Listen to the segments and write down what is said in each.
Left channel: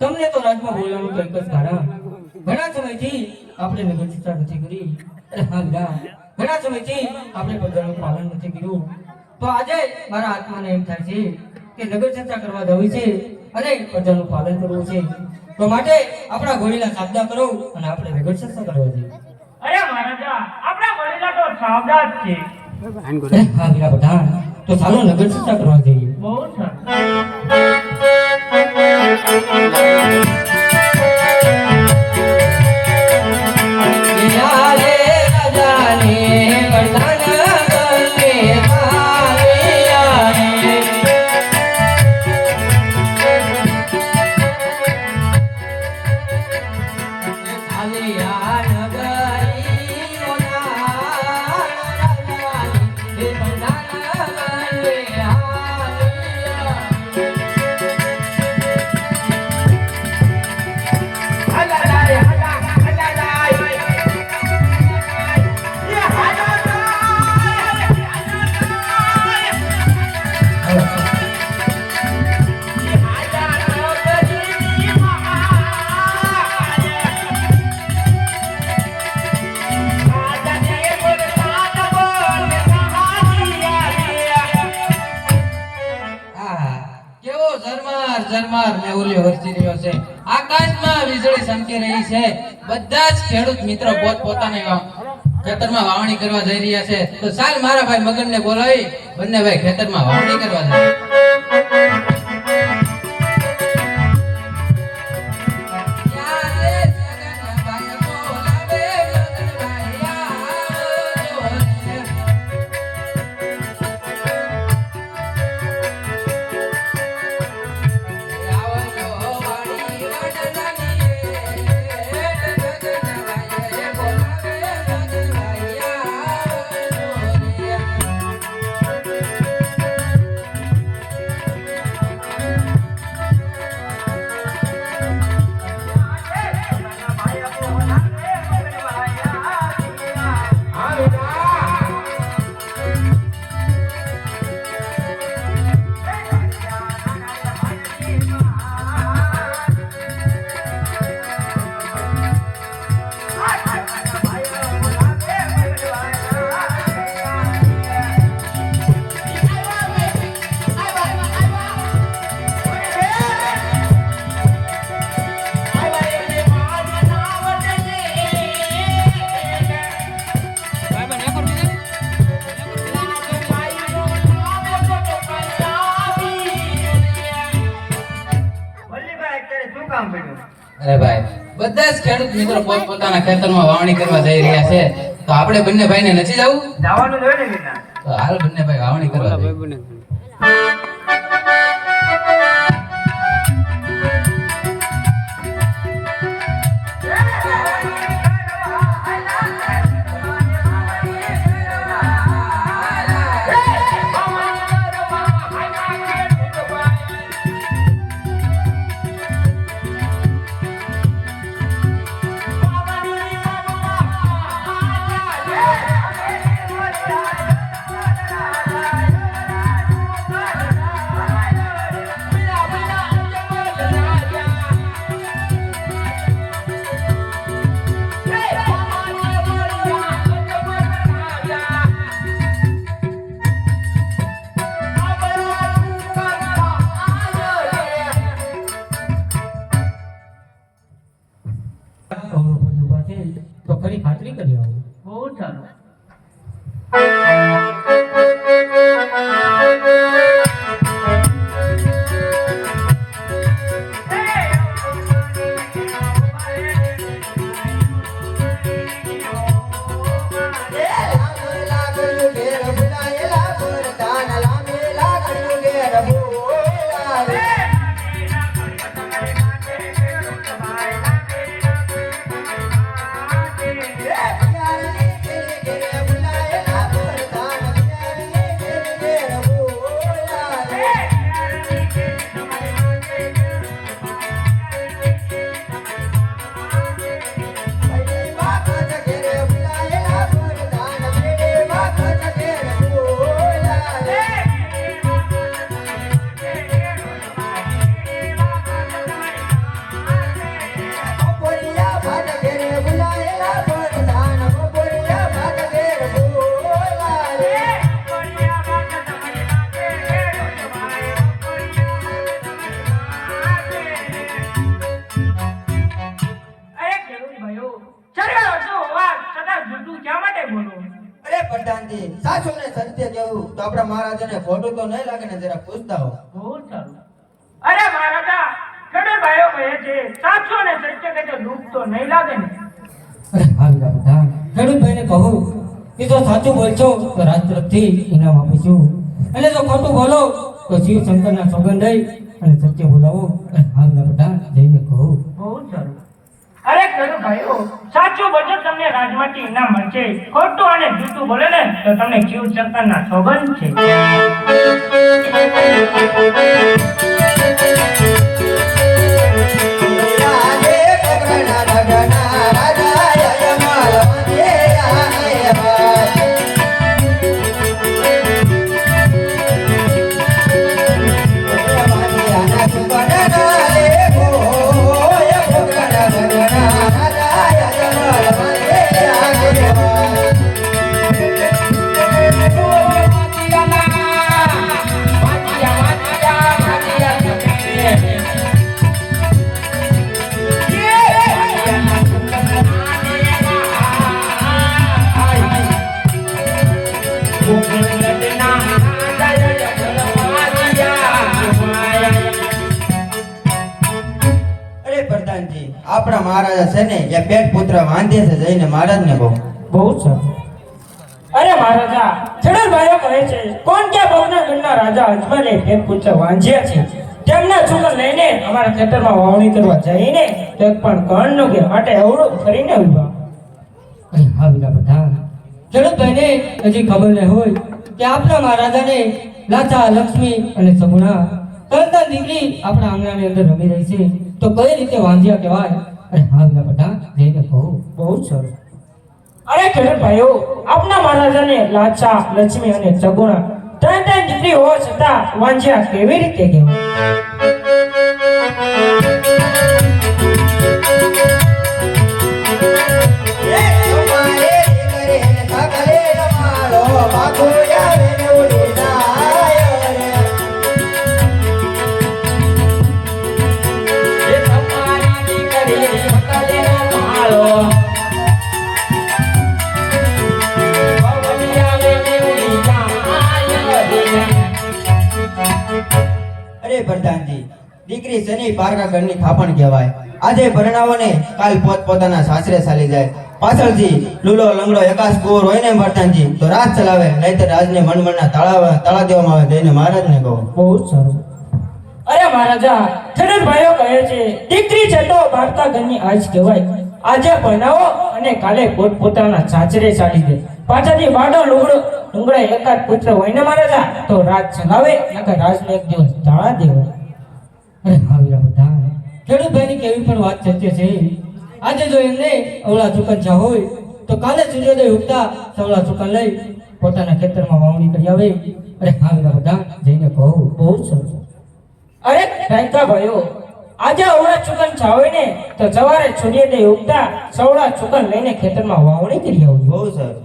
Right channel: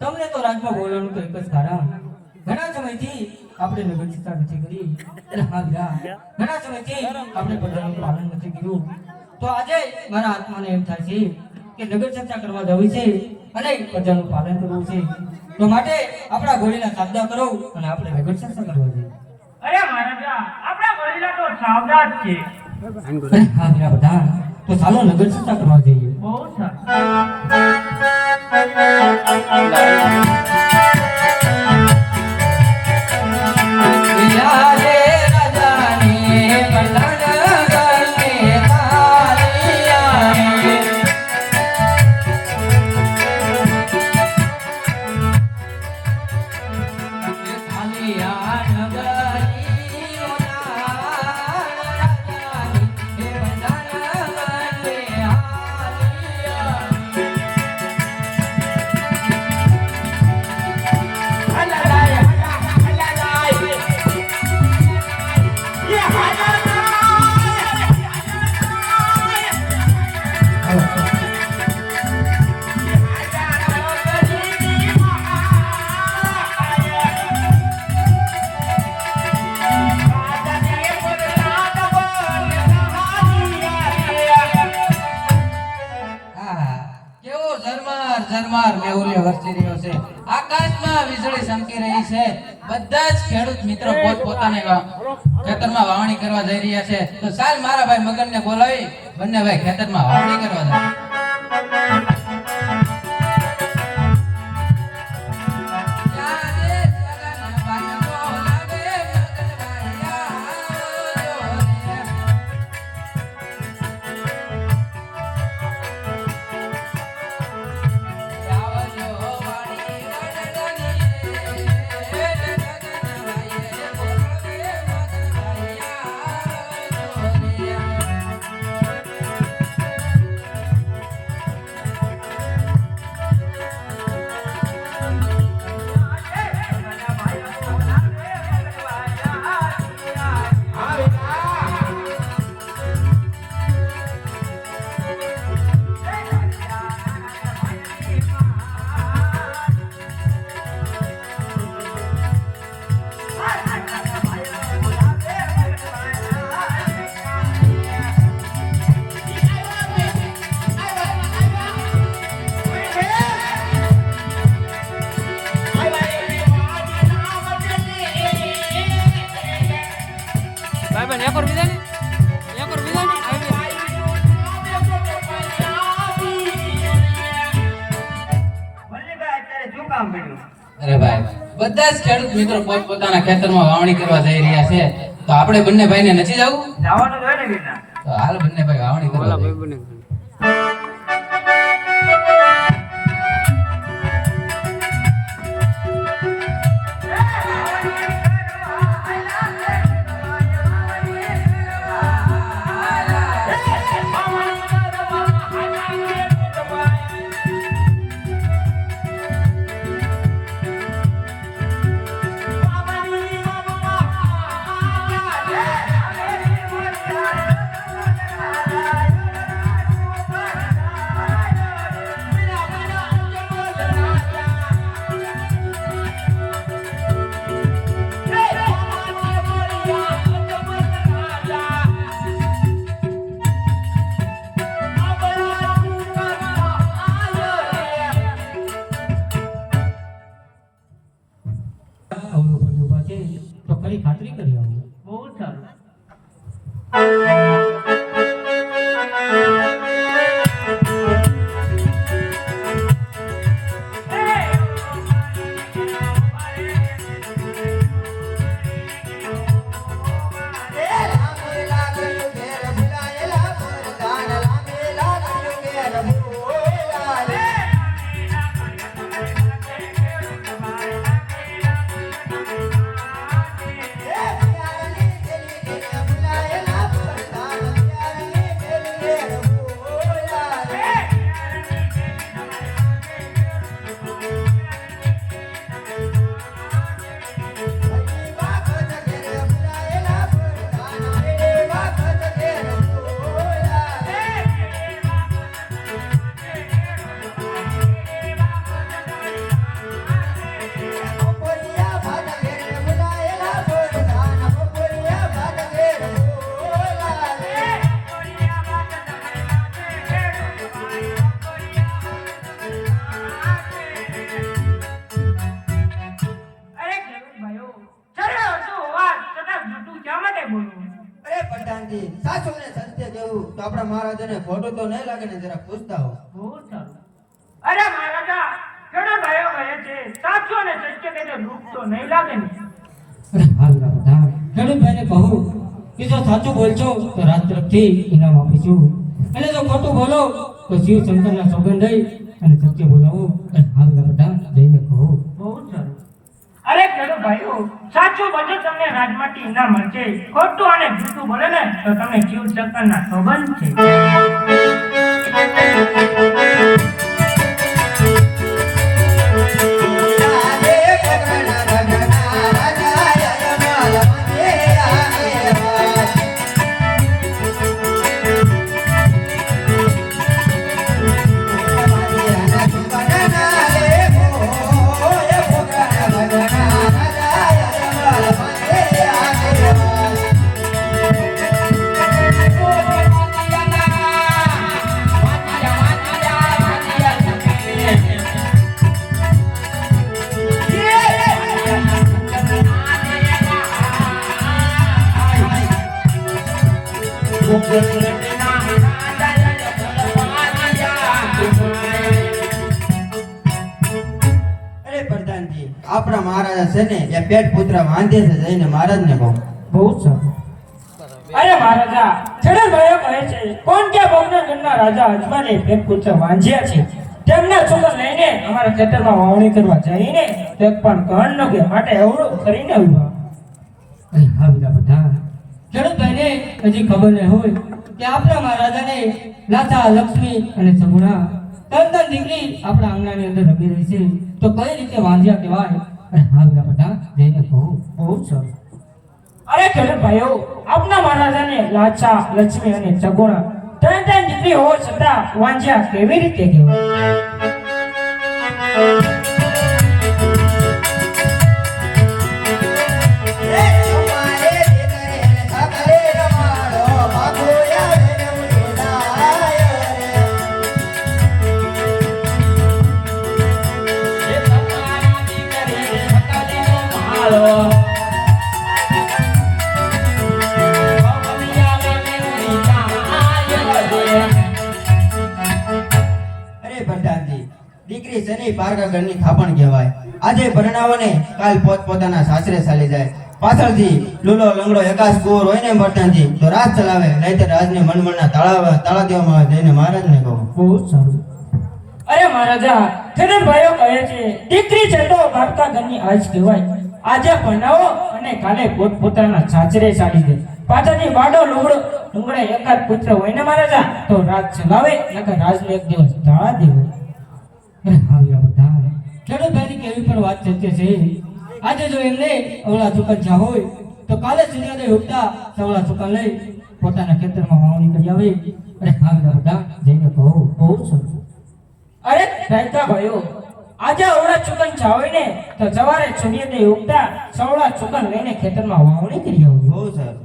તમને તો રાજમાં બોલવાનું તો એક જ કારણ ઘણા સમયથી આપણે નગર ચર્ચા નથી કરી એટલે હા ઘણા સમયથી આપણે બધાનું પાલન નથી કર્યું તો આજે મારા આત્માને એમ થાય છે કે નગર ચર્ચા કરવા જવી છે અને બધાનું પાલન કરવું છે તો માટે આપણા ગોળીના સાધના કરો અને આપણે નગર ચર્ચા કરવા જોઈએ અરે મહારાજા આપણા ગોળીલા તો સાવધાન છે હા બધા તો ચાલો નગર ચર્ચા કરવા જઈએ બહુ સરસ વીજળી ચમકી રહી છે. બધા જ ખેડૂત મિત્રો પોતપોતાની ખેતરમાં વાવણી કરવા જઈ રહ્યા છે. તો ચાલ મારા ભાઈ મગનને બોલાવી બંને ભાઈ ખેતરમાં વાવણી કરવા જાય. વલ્લીભાઈ અત્યારે શું કામ પડ્યું? અરે ભાઈ બધા જ ખેડૂત મિત્રો પોતપોતાના ખેતરમાં વાવણી કરવા જઈ રહ્યા છે. તો આપણે બંને ભાઈને નથી જવું? જવાનું જોઈએ ને બેટા. તો હાલ બંને ભાઈ વાવણી કરવા જઈએ. તો ખરી ખાતરી કરી આવું. બહુ સારું. અરે પઠાણજી, સાચું ને સત્ય કહેવું તો આપણા મહારાજાને ખોટું તો નહીં લાગે ને, જરા પૂછતા હો. બહુ સારું. અરે મહારાજા, ખેડૂત ભાઈઓ કહે છે સાચું ને સત્ય કહે છે, દુઃખ તો નહીં લાગે ને? અરે હા બધા ખેડૂત ભાઈને કહું કે જો સાચું બોલશો તો રાત તરફથી ઇનામ આપીશું, અને જો ખોટું બોલો તો શિવ શંકરના સોગંદ લઈ અને સત્ય બોલાવો. અરે હા બધા જઈને કહું. બહુ સારું. અરે ખેડૂત ભાઈઓ, સાચું બોલજો તમને રાજમાંથી ઇનામ મળશે, ખોટું અને જૂઠું બોલે ને તો તમને શિવ શંકરના સોગંદ છે. Yeah. આપણા મહારાજા છે ને એ પેટ પુત્ર વાંધે છે, જઈને મહારાજને કહો. બહુ સરસ. અરે મહારાજા, ખેડૂત ભાઈઓ કહે છે કોણ કે ભોજનગઢના રાજા અજમલે એક પુત્ર વાંજ્યા છે, તેમના છોકરા લઈને અમારા ખેતરમાં વાવણી કરવા જઈને એક પણ કણ ન ગયા, માટે અવળું કરીને ઉભા. અરે હા વીરા પ્રધાન, ખેડૂતોને હજી ખબર ન હોય કે આપણા મહારાજાને લાથા, લક્ષ્મી અને સગુણા ત્રણ દીકરી આપણા આંગણાની અંદર રમી રહી છે, તો કઈ રીતે વાંધ્યા કહેવાય? અરે હા વીરા પ્રધાન, જઈને કહો. બહુ સરસ. અરે ખેડૂત ભાઈઓ, આપના મહારાજાને લાચા, લક્ષ્મી અને સગુણા ત્રણ દીકરી હોવા છતાં વાંજ્યા કેવી રીતે કહેવાય? અરે પ્રધાનજી, દીકરી શનિ પારકા ઘરની થાપણ કહેવાય. આજે પરણાવોને કાલ પોતપોતાના સાસરે ચાલી જાય. પાછળથી લૂલો લંગડો એકાશ કુંવર હોય ને પ્રધાનજી, તો રાજ ચલાવે, નહીંતર રાજને મનમનના તાળા દેવામાં આવે. જઈને મહારાજને કહો. બહુ સારું. અરે મહારાજા, ખેડૂત ભાઈઓ કહે છે દીકરી છે તો પારકા ઘરની આજ કહેવાય. આજે પરણાવો અને કાલે પોતપોતાના સાસરે ચાલી જાય. પાછળથી બાડો લુગડો એકાદ પુત્ર હોય ને મહારાજા, તો રાજ ચલાવે, નકર રાજને એક દિવસ તાળા દેવાય. અરે હા વીરા પ્રધાન, ખેડૂતભાઈની કેવી પણ વાત સત્ય છે. આજે જો એમને અવળા ચુકંચા હોય તો કાલે સૂર્યોદય ઉગતા સવળા ચુકન લઈ પોતાના ખેતરમાં વાવણી કરી આવે. અરે હા વીરા પ્રધાન, જઈને કહો. બહુ સરસ. અરે રંકા ભાઈઓ, આજે અવળા ચુકન ચાવે ને તો સવારે સૂર્યોદય ઉગતા સવળા ચુકન લઈને ખેતરમાં વાવણી કરી આવજો. બહુ સરસ.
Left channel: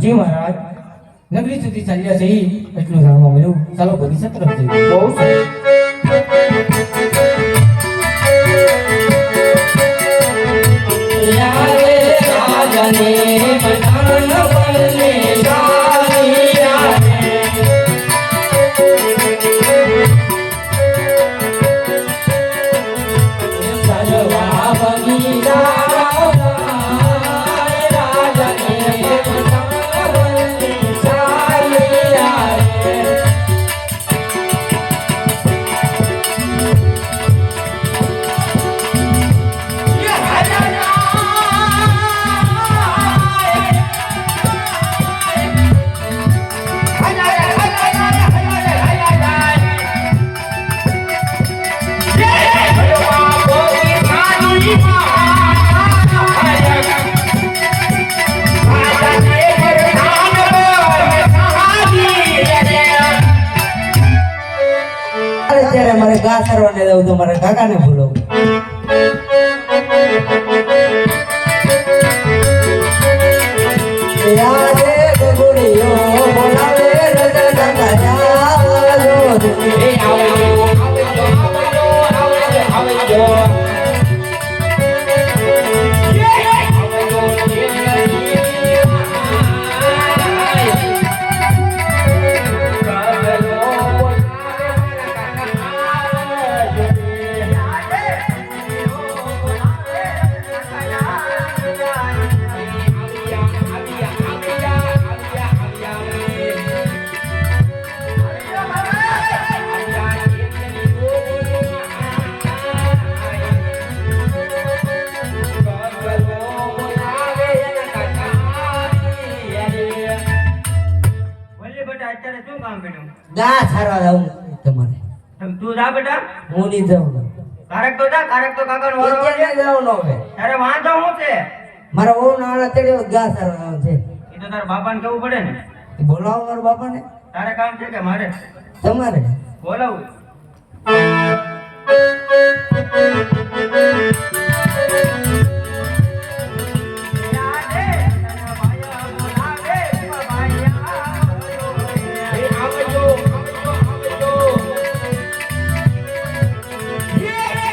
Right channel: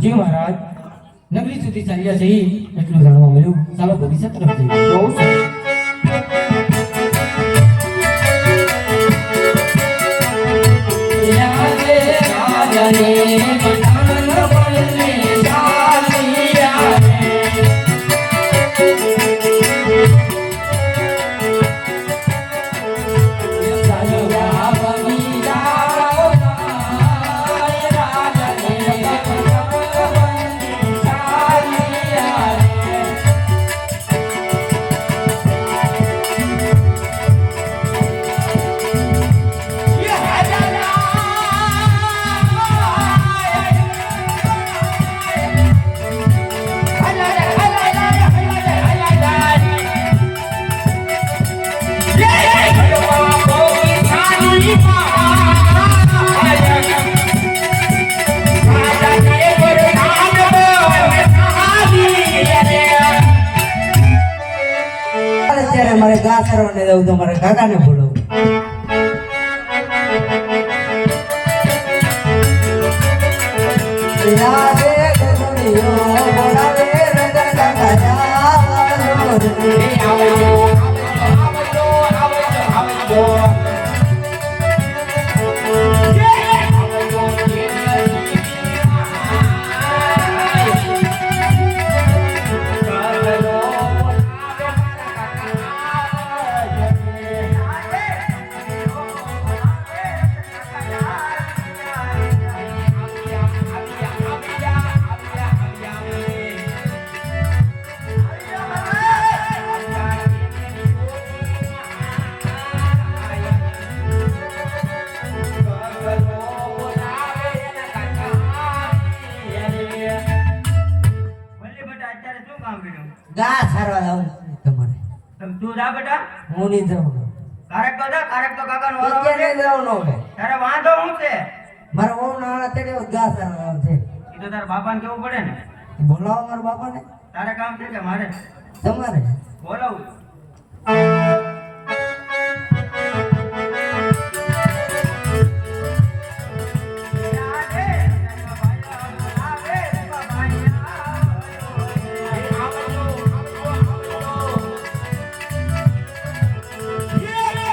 જી મહારાજ, નગરી સુધી ચાલ્યા જઈ એટલું જાણવા મળ્યું. ચાલો ભવિષ્ય તરફ જઈએ. બહુ સરસ. અત્યારે મારે ગા કરવાને જવું તો મારે કાકાને બોલાવું. ગા સારવા જાઉં તમારે. તું જા બેટા. હું નહીં જાઉં. કારક તો જા, કારક તો કાકાનો વારો આવે. અત્યારે જાઉં ન હવે. તારે વાંધો હું છે? મારા વહુ નાના તેડે ગા સારવા જાઉં છે. એ તો તારા બાપાને કેવું પડે ને. બોલાવો મારા બાપાને. તારે કામ છે કે મારે? તમારે બોલાવું. Yeah!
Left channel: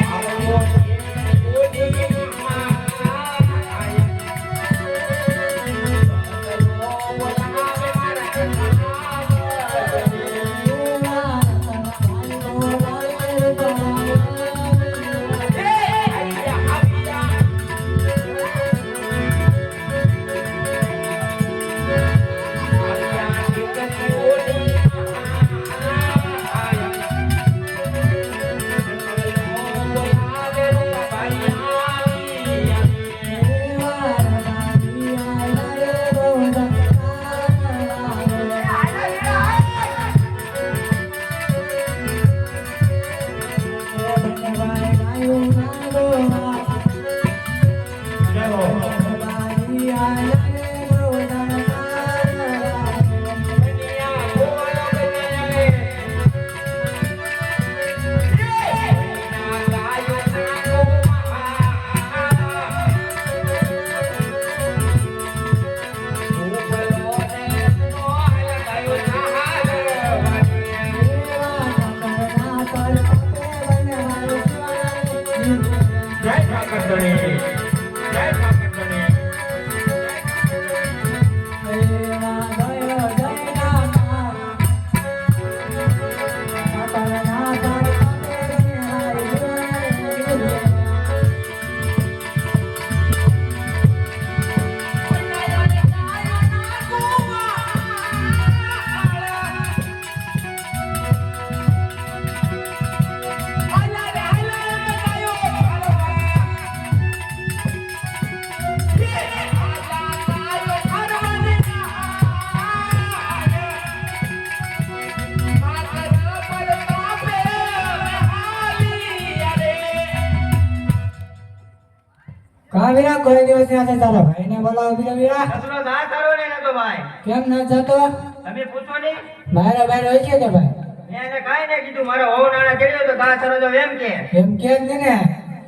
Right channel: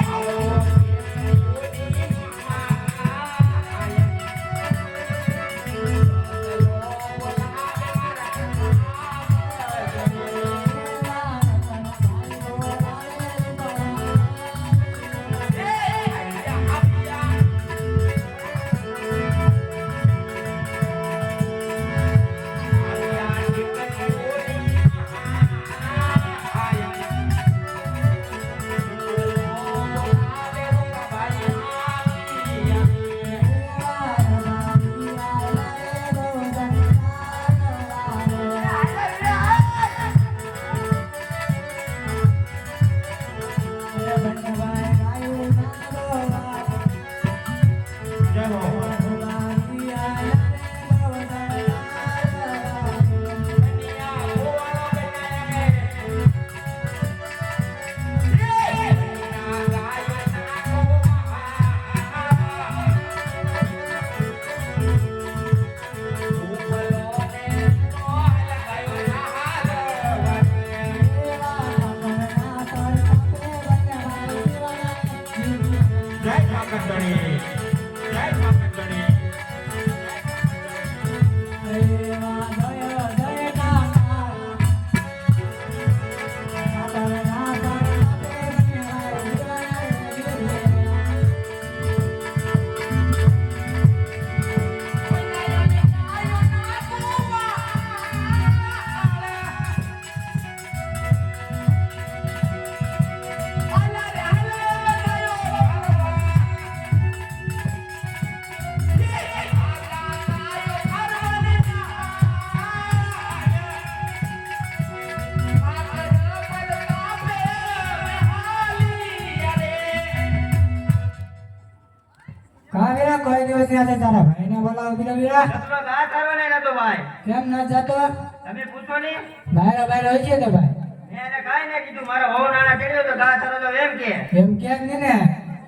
કાવ્યા કોઈ દિવસ ત્યાં છે તારા ભાઈને બોલાવો વીરા નસલો ગા તારો ને નતો ભાઈ કેમ ન જતો તમે પૂછો ને બહાર બહાર હોય છે કે ભાઈ મેં એને કાઈ ને કીધું મારો હોવ નાણા ચડ્યો તો ગા તારો તો એમ કે એમ કેમ ને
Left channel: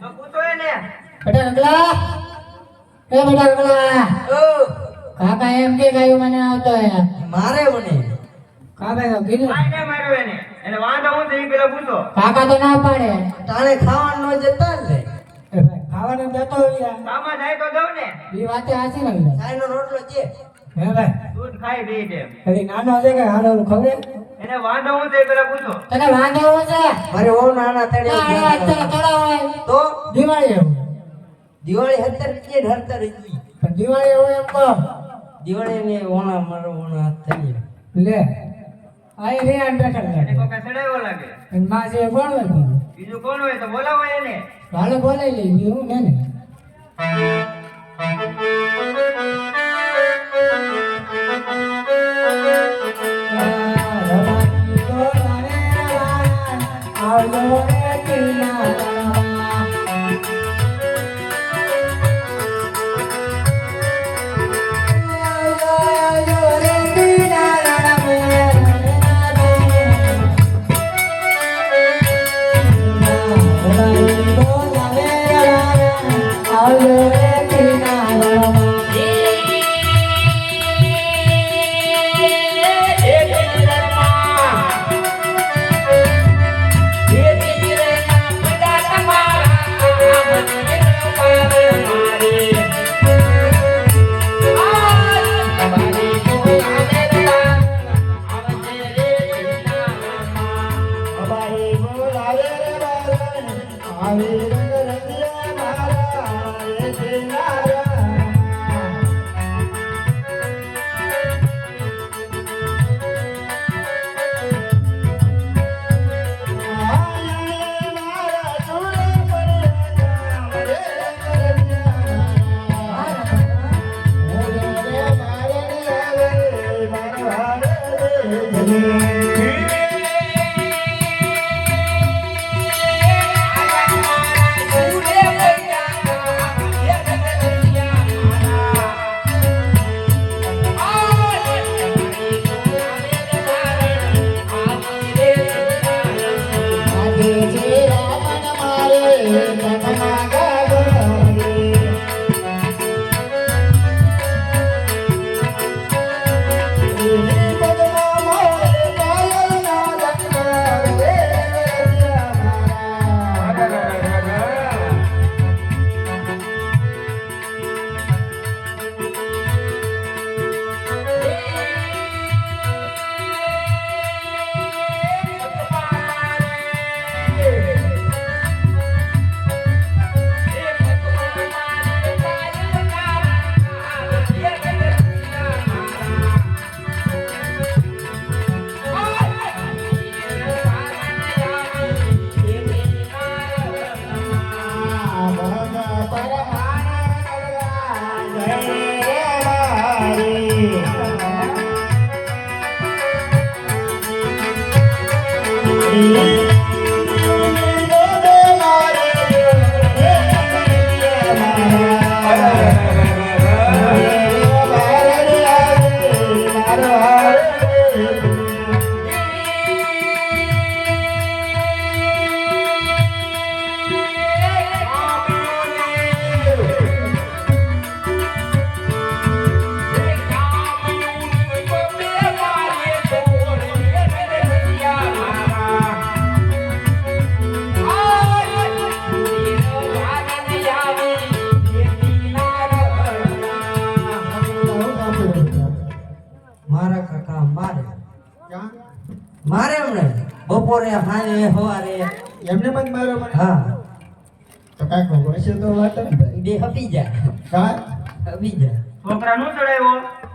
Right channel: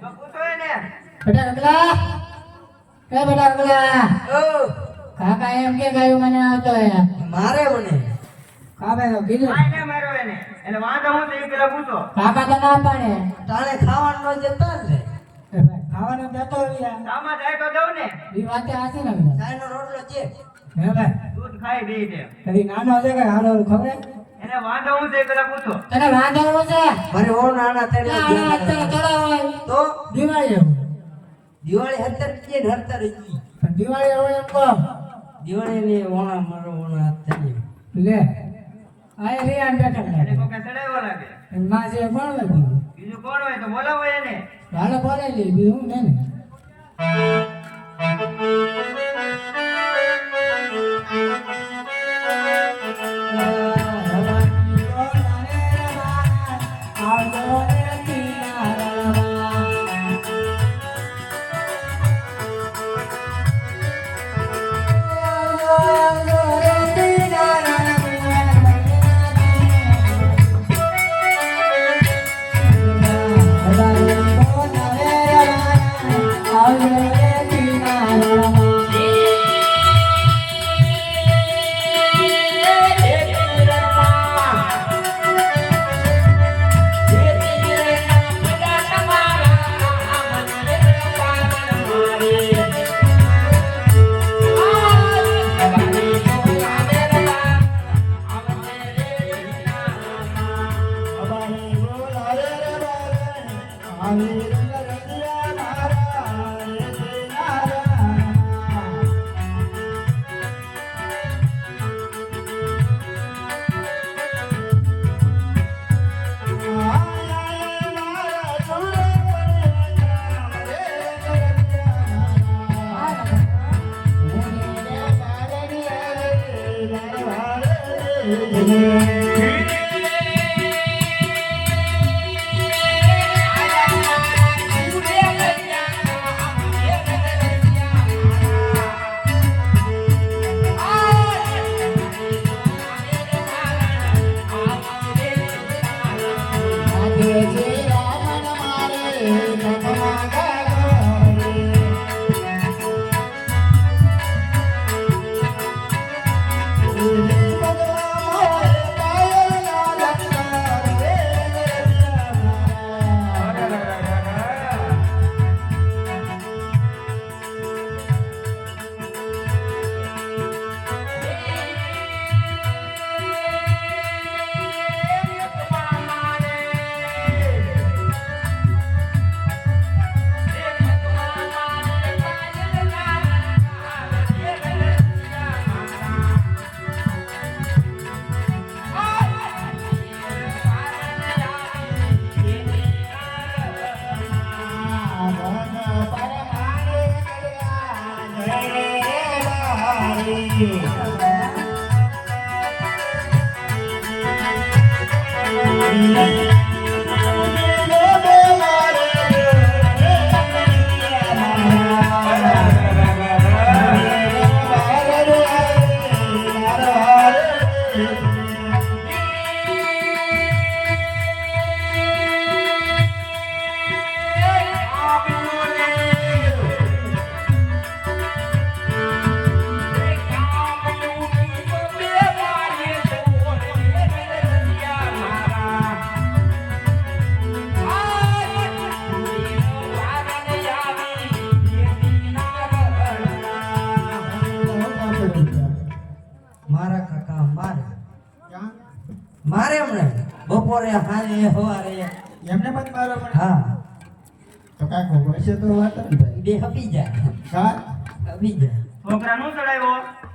તો પૂછો એને બેટા નકલા એ બેટા નકલા ઓ કાકા એમ કે ગાયું મને આવતો હે મારે મને કામે તો કીધું કાઈ ને મારો એને વાંધો હું તે પેલા પૂછો કાકા તો ના પાડે તાણે ખાવાનું ન જતા જ લે એ ભાઈ ખાવાનું જતો વીરા સામા જાય તો દઉં ને એ વાતે હાચી ને વીરા સાઈનો રોટલો છે હે ભાઈ દૂધ ખાઈ બે છે કદી નાનો છે કે હાલો ખબર એને વાંધો હું તે પેલા પૂછો તને વાંધો હોય છે મારે ઓ નાના તેડે તો દિવાળી એવું દિવાળી 17 કે 17 ઈ પણ દિવાળી એવું એમ કહો દિવાળી ને ઓણા મારો ઓણા થઈ લે આય રે આન બેઠા એને બેઠા કોઈ કસડાયો લાગે અને માં જે કોણ હોય કોણ બીજું કોણ હોય તો બોલાવો એને હાલે બોલે લે હું ને બપોરે હાને હોવારે એમને મત મારો મને હા તો કાકો હશે તો વાત જ ભાઈ બે હપી જા કા હપી જા છોકરા નું ચડાવ્યો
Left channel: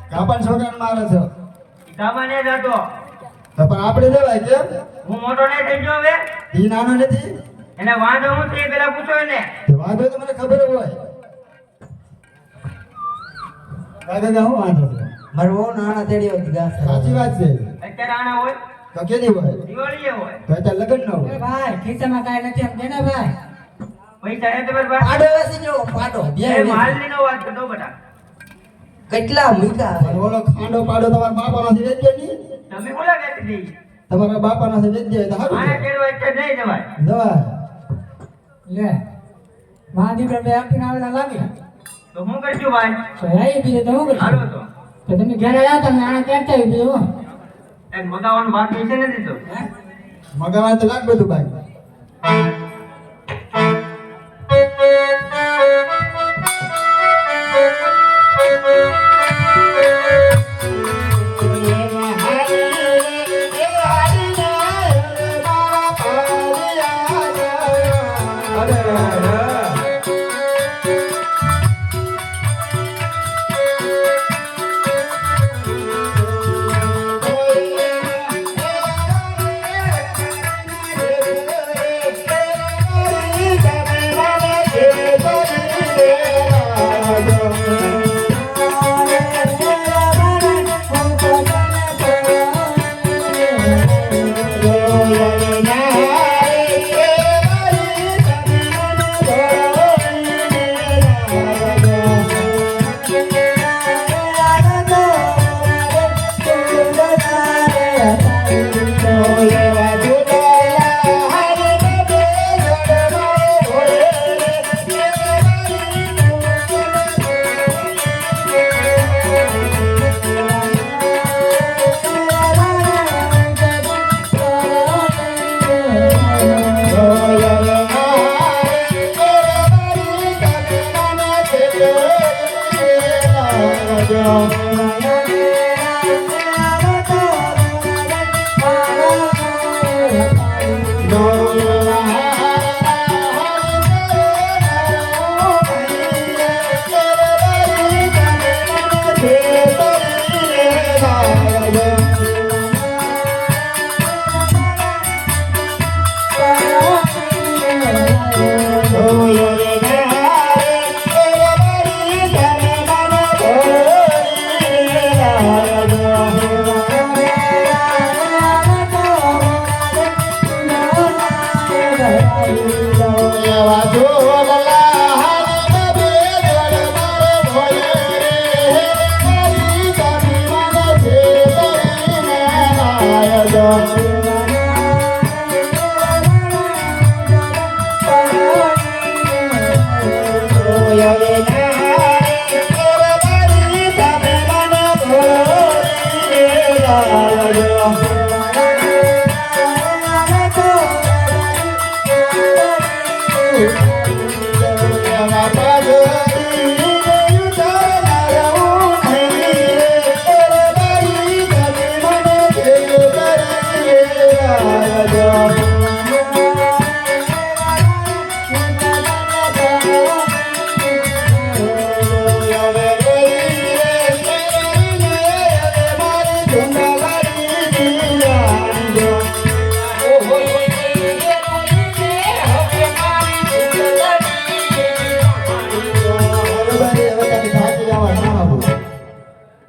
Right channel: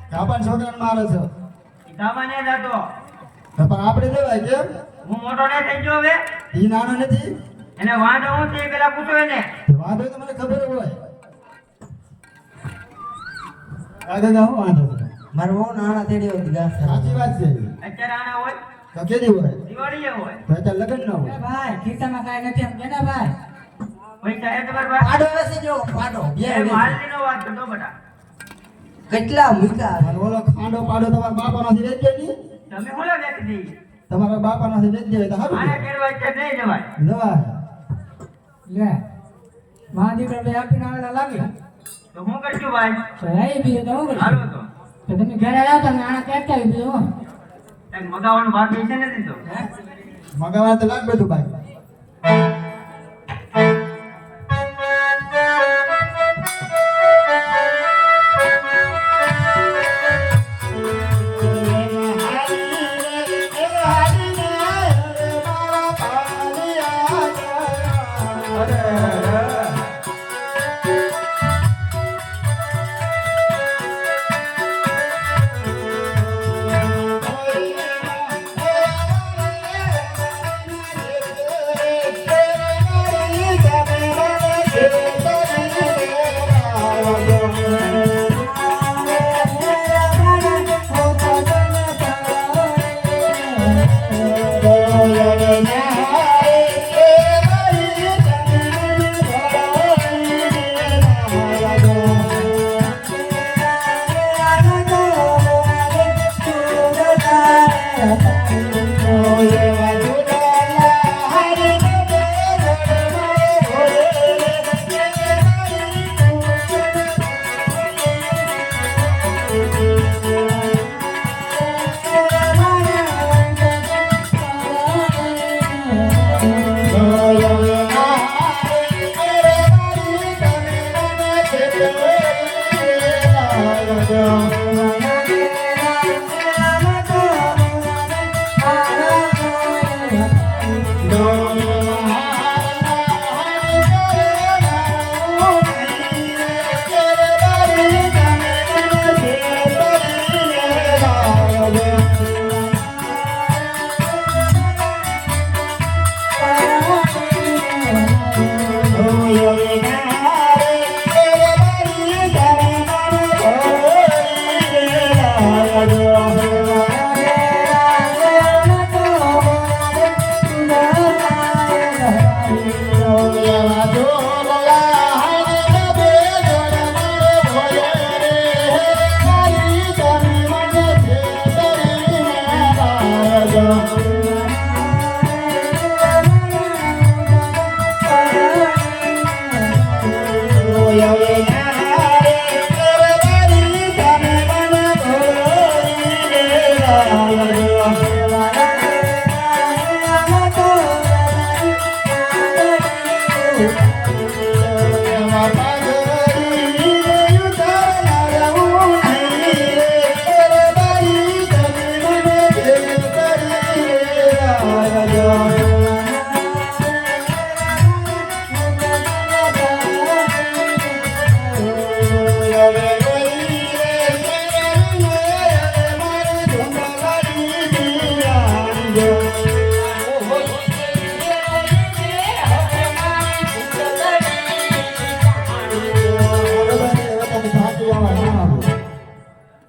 કાપણ છોકરાને મારે છો સામાન્ય જતો તો પણ આપણે દેવાય કેમ હું મોટો ને થઈ ગયો હવે ઈ નાનો નથી એને વાંધો હું તે પેલા પૂછો એને તો વાંધો તો મને ખબર હોય કાકા હું વાંધો છે મારો બહુ નાના તેડી હતી ગાસ સાચી વાત છે અત્યારે આના હોય તો કેદી હોય દિવાળી હોય તો અત્યારે લગ્ન ન હોય ભાઈ ખિસ્સામાં કાંઈ નથી એમ કે ને ભાઈ પૈસા એ તમારી પાસે પાડો વેસી જો પાડો બે એ માલની નો વાત કરતો બેટા કેટલા મૂકા અને ઓલો ખાંડો પાડો તમારા બાપાનો થી વેચજો ની તમે બોલા વેચી દઈ તમારા બાપાનો થી વેચજો તો આને સારું કેળવાય છે નહીં જવાય દવા લે માં દીકરા બે આપીને આવેલા લાગે તો હું કરજો ભાઈ તો લાવી દીધે તો હું કરીશ હાલો તો તો તમે ઘરે આવ્યા તમે આના ક્યાં આવી બીજું એક મગાવાનું વાત છે ને દીધો મગાવા તો લાગ બધું ભાઈ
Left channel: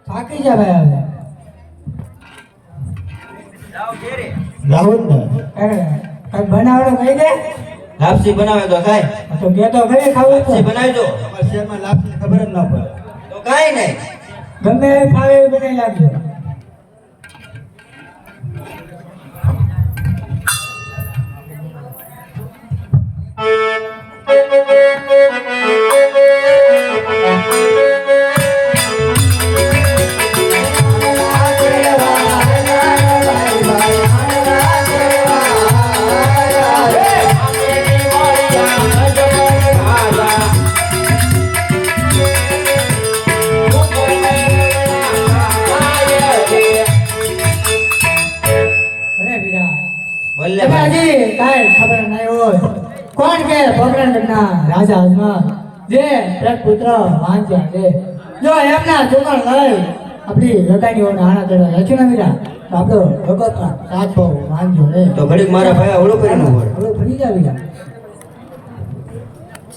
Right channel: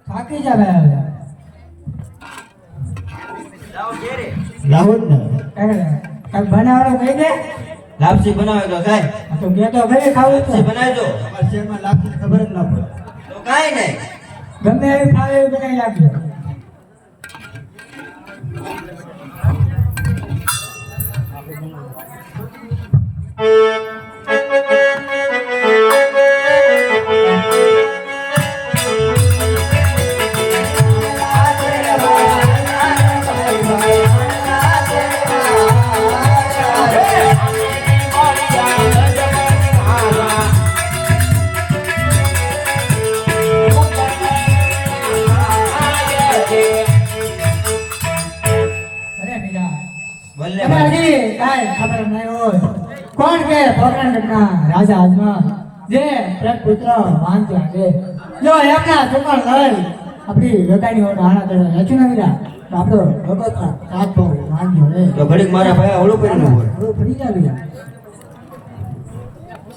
થાકી જા ભાઈ હવે જાવું ને કાંઈ બનાવડે કઈ દે લાપસી બનાવે તો ખાય તો કે તો ઘરે ખાવું તો લાપસી બનાવજો અમારા શહેરમાં લાપસી ખબર જ ન પડે તો કાંઈ નહીં ગમે એ ફાવે એવું બનાવી નાખજો Yeah. કાંઈ ખબર નહીં હોય. કોણ કે પોકરણગઢના રાજા અજમલ જે પ્રજપુત્ર વાંચ્યા છે. જો એમના ચોકણ લઈ આપણી લોકાની ઓર આણા કરવા રાખ્યું ને મીરા તો આપણો ભગતના સાથ ભાવ વાંચ્યો રે. તો ઘડીક મારા ભાઈ અવળું કરીને ઉભો રહે. હવે ફરી જાવી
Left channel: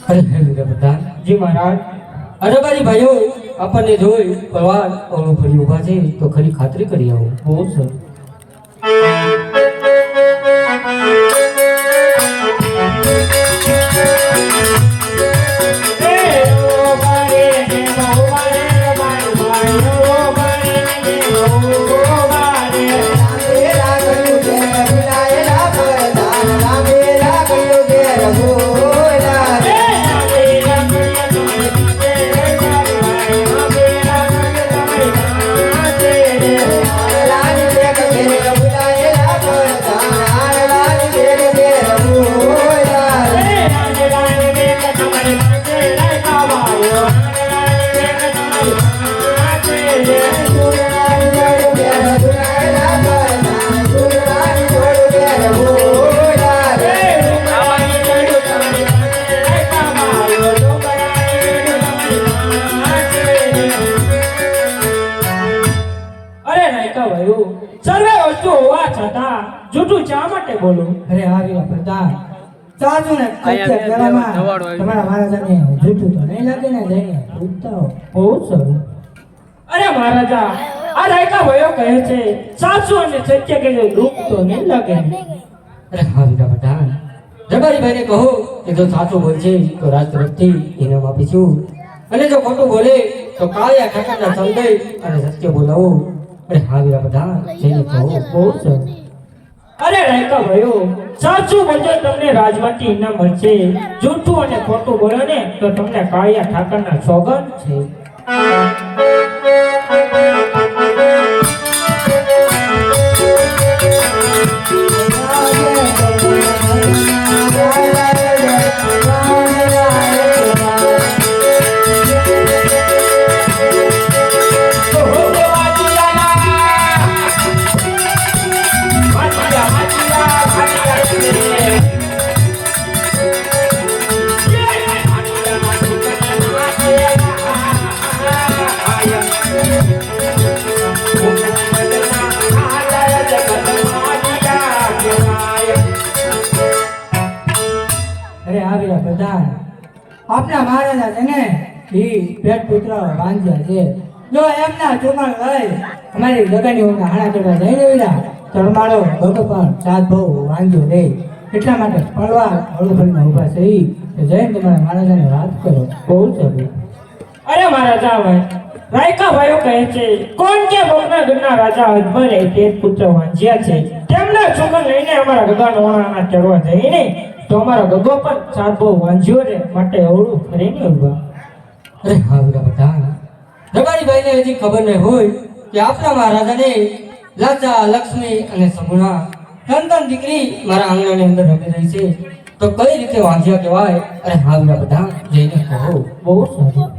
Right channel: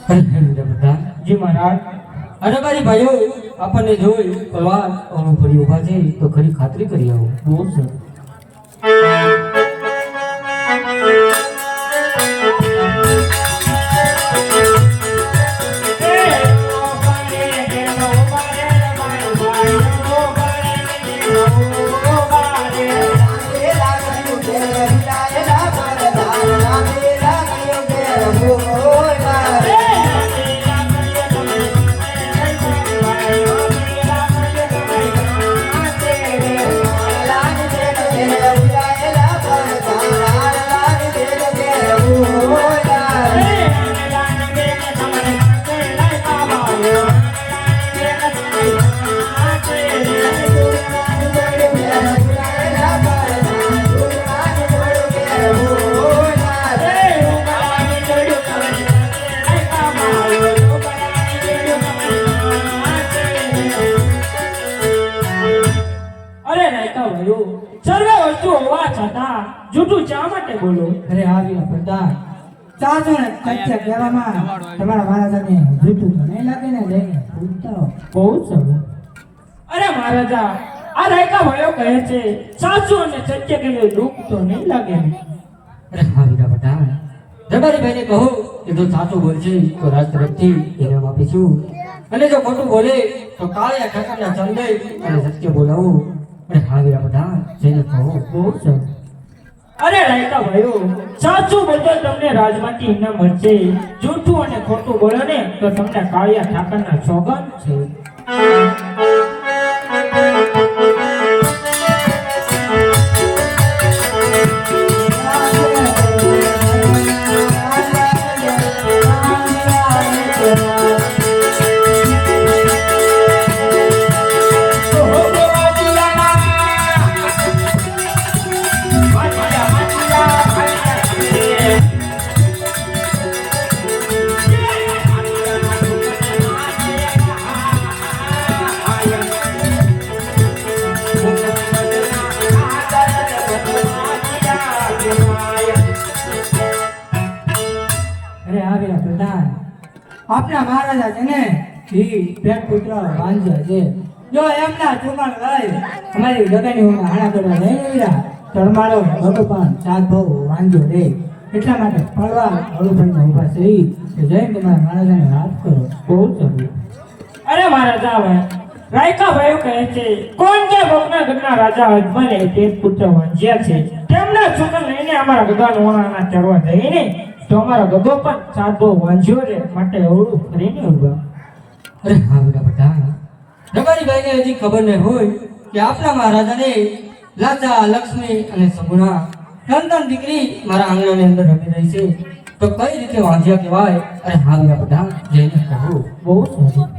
અરે હે વીરા પ્રધાન જી મહારાજ. અરે મારી ભાઈઓ આપણને જોઈ પરવાર ઓળું ફરી ઊભા છે તો ખરી ખાતરી કરી આવો. બહુ સરસ. અરે નાયકા ભાઈઓ, સર્વે વસ્તુ હોવા છતાં જૂઠું શા માટે બોલો? અરે આવી પ્રધાન ચાલજો ને સત્ય કહેવામાં તમારા મહારાજાને જૂઠું તો નહીં લાગે ને જઈને પૂછતા હો. બહુ સરસ. અરે મહારાજા, આ નાયકા ભાઈઓ કહે છે સાચું અને સત્ય કહીએ દુઃખ તો નહીં લાગે ને? અરે હા વીરા પ્રધાન દરબારી ભાઈને કહો કે જો સાચું બોલશે તો રાજ તરફથી ઇનામ આપીશું અને જો ખોટું બોલે તો કાળિયા ઠાકરના સમજાઈ અને સત્ય બોલાવો. અરે હા વીરા પ્રધાન જઈને કહો. બહુ સરસ. અરે નાયકા ભાઈઓ, સાચું બોલજો તમને રાજમાંથી ઇનામ મળશે, જૂઠું અને ખોટું બોલો ને તો તમને કાળિયા ઠાકરના સોગંદ છે. અરે આવ્યા પ્રધાન આપના મહારાજા છે ને એ પેટ પુત્ર વાંચ્યા છે. જો એમના ચોકણ લઈ અમારી લગનની ઊંઘ હાણા કરવા જઈ રહ્યા તો અમારો ભગવાન સાત બહુ વાંચ્યો રે. એટલા માટે પડવા હળું ફરીને ઊભા છે તો જઈને તમારા મહારાજાને વાત કરો. બહુ સરસ. અરે મહારાજા હવે રાયકા ભાઈઓ કહે છે કોણ કે મોગરાગઢના રાજા અજમલે પેટ પુત્ર વાંચ્યા છે, તેમના છોકરા લઈને અમારા ગગન વાળાના ચડવા જઈને તો અમારા ગગો પણ સાધો વાંચ્યો રે માટે અવળું ફરીને ઉભા. અરે હા વીરા પ્રધાન દરબારી ભાઈને હજી ખબર નહીં હોય કે આપણા મહારાજાને લાચા લક્ષ્મી અને સગુણા ત્રણ દીકરી મારા આંગણાની અંદર રમી રહી છે તો કઈ રીતે વાંચ્યા કહેવાય. અરે હા વીરા પ્રધાન જઈને કહો. બહુ સારું.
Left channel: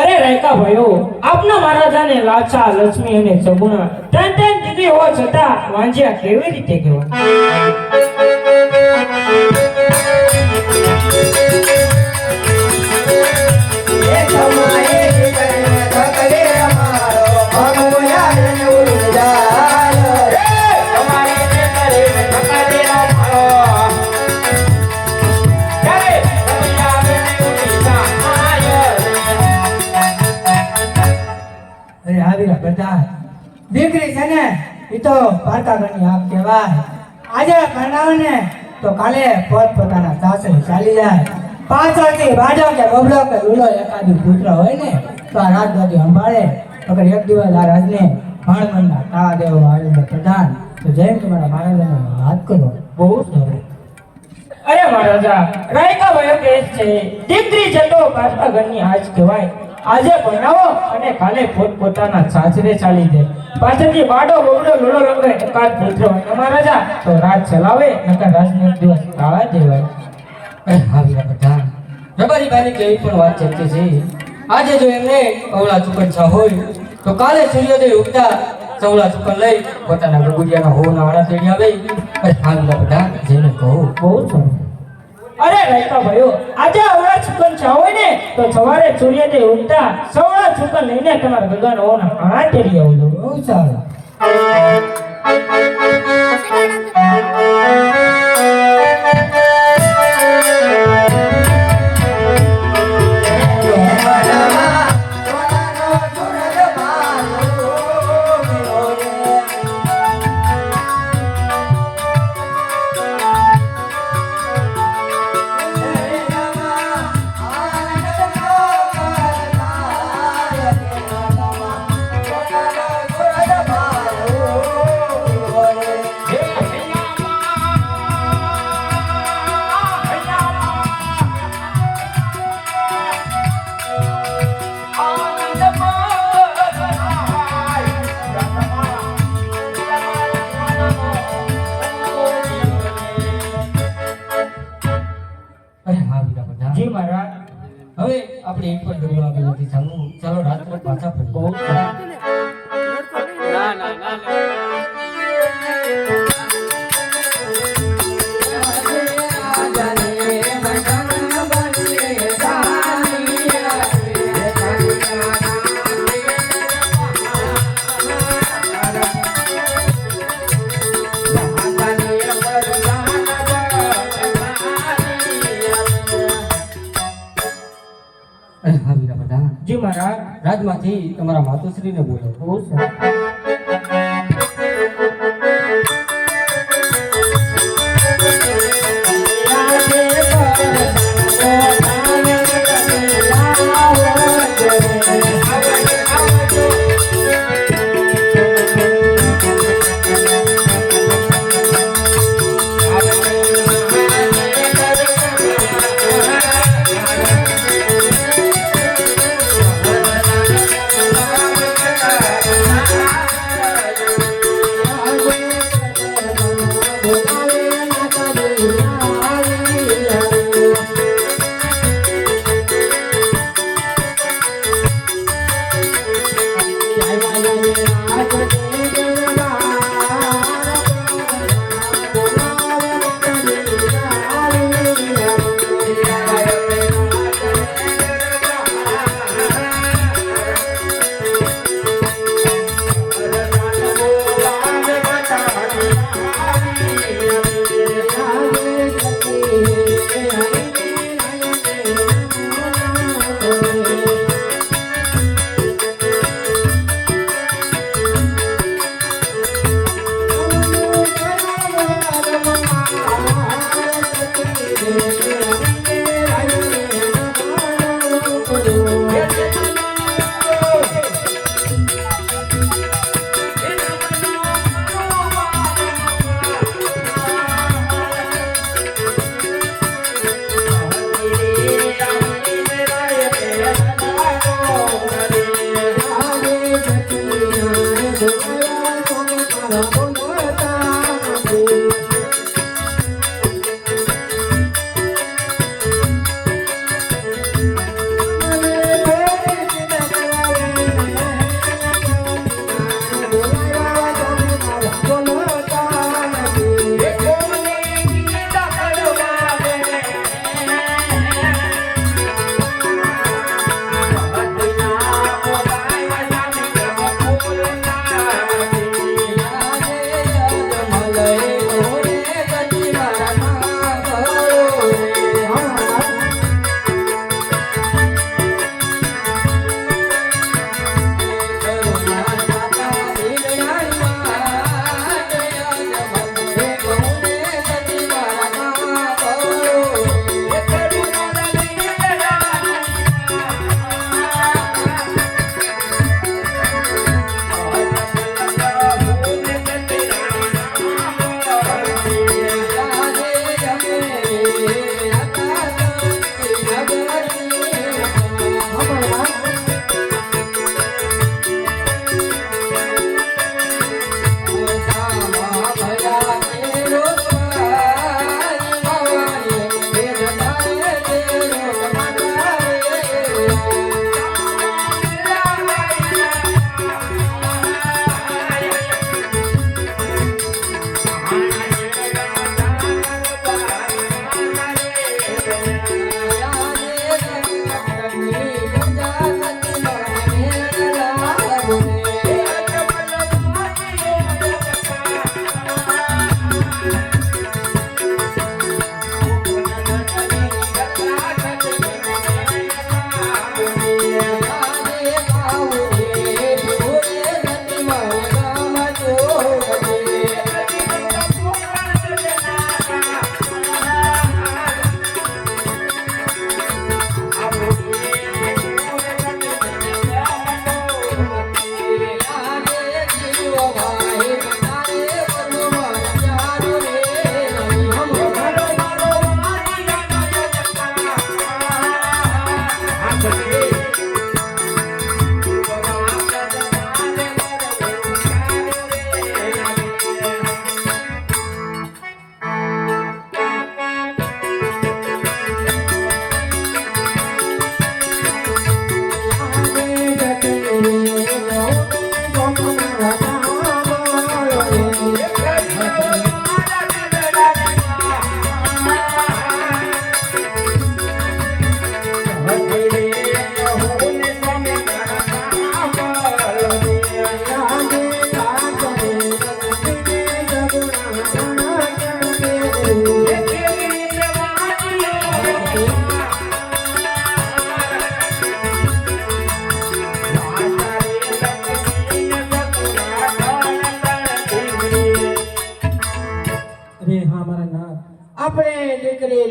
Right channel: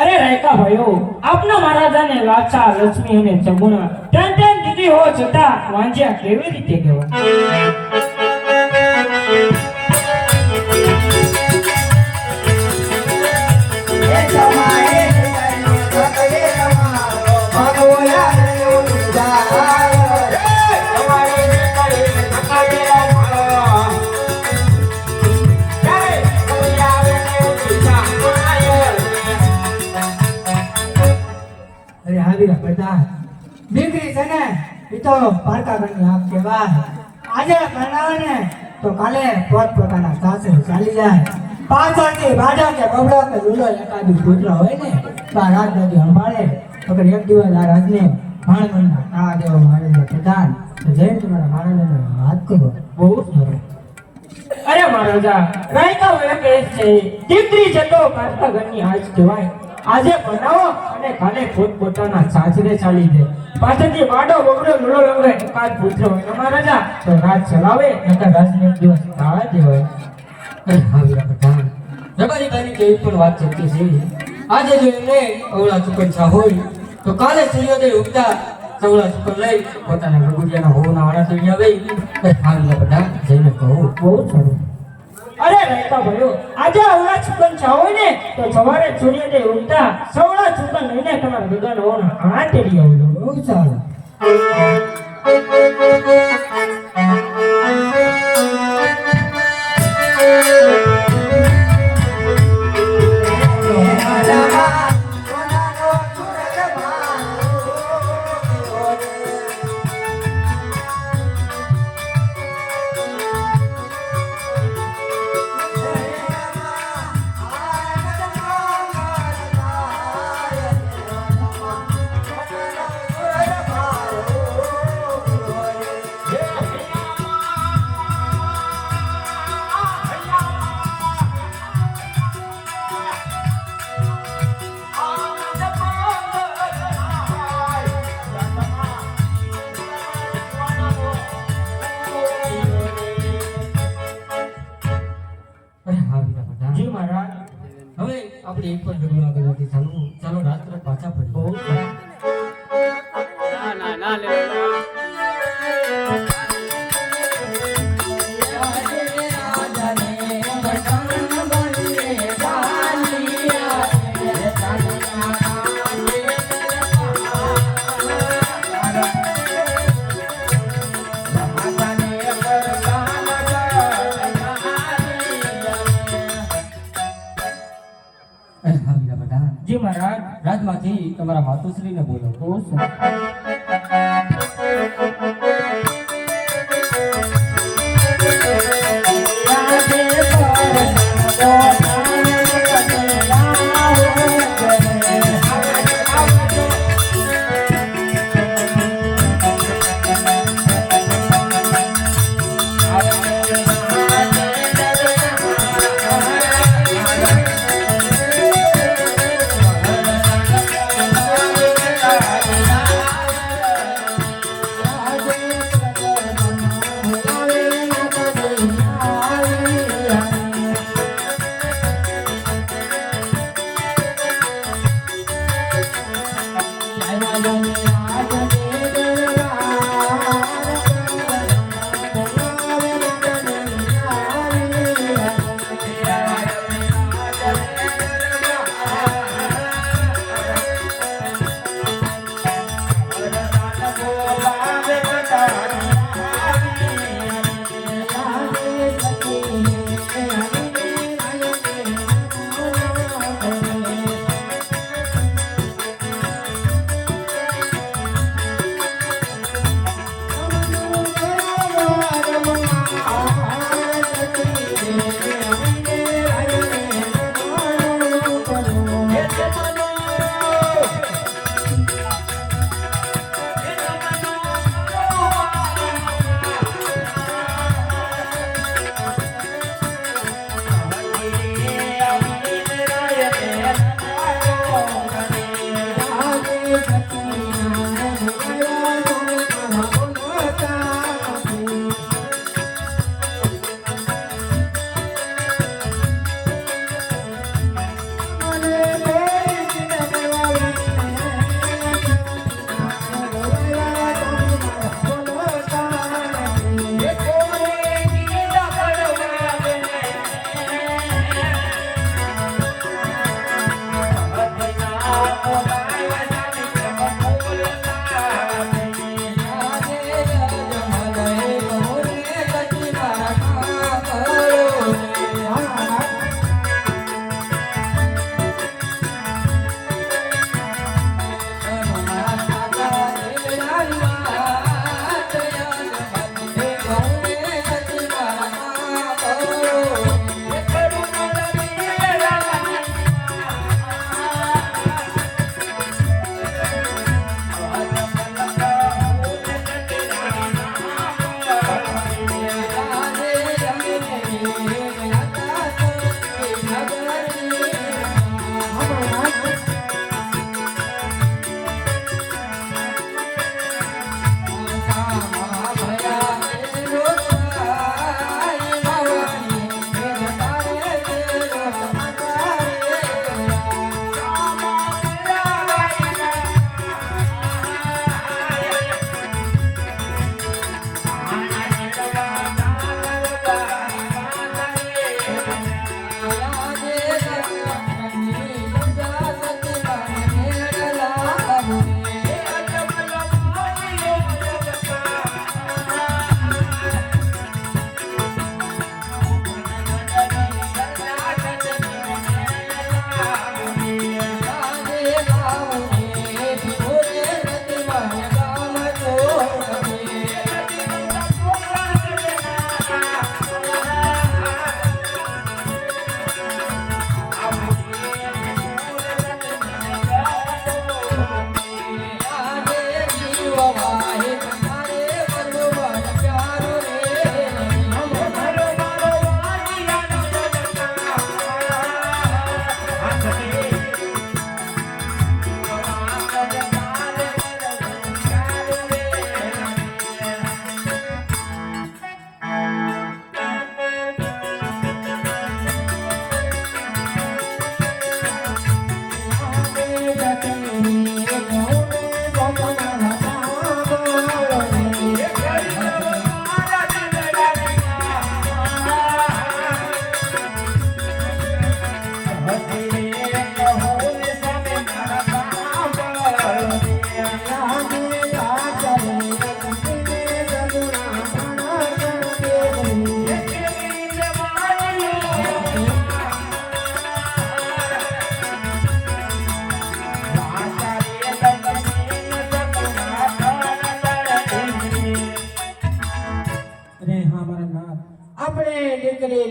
અરે રાયકા ભાઈઓ, આપના મહારાજાને લાચા લક્ષ્મી અને સગુણા ત્રણ દીકરી હોવા છતાં વાંચ્યા કેવી રીતે કહેવાય? અરે આવ્યા પ્રધાન દીકરી છે ને એ તો પારકાગઢની આંખ કહેવાય. આજે પરણાવે ને તો કાલે પોતપોતાના સાસરે ચાલી જાય. પાછળથી વાડો કે બબડો કે લૂલો એકાદું પુત્ર હોય ને તો આ રાજગાદી સંભાળે. અગર એક દિવસ આ રાજને ભાણવડના તા દેવો આવે છે પ્રધાન તો જઈને તમારા મહારાજાને વાત કરો. બહુ સરસ. અરે મહારાજા, રાયકા ભાઈઓ કહે છે દીકરી જતો પાછા ઘરની આજ કહેવાય. આજે બનાવો અને કાલે પોતપોતાના સાસરે ચાલી જાય. પાછળથી બાડો બબડો લૂલો લંગડો એકાદ પુત્ર હોય મહારાજા તો રાજ ચલાવે નકર રાજને એક દિવસ કાળા દેવાય. અરે હા વીરા પ્રધાન દરબારી ભાઈની કેવી પણ વાત ચાલતી છે. આજે જો એમને અવળા ચુકચ્છા હોય તો કાલે સૂર્યોદય ઉગતા ચૌડા ચુકન લઈ પોતાના ગગુડિયાના હોના આડા તેડી આવે હાલમાં બધા જઈને કહું બહુ સારું. અરે રસ્તા ભાઈઓ, આજે અવળા ચુકન ચાવો ને તો સવારે સૂર્યોદય ઉગતા સવળા ચુકન લઈને તમારા ભેગાનો હોના આડા તેડી આવજો. બહુ સારું. અરે હા વીરા બધા જી મહારાજ. હવે આપણે એક પણ ડગલો આગળ નથી ચાલવું ચાલો રાત્રે પાછા ફરી બહુ સારું. અરે હા વીરા બધા જી મહારાજ. રાજમાંથી તમારા માતુશ્રીને બોલો બહુ સારું.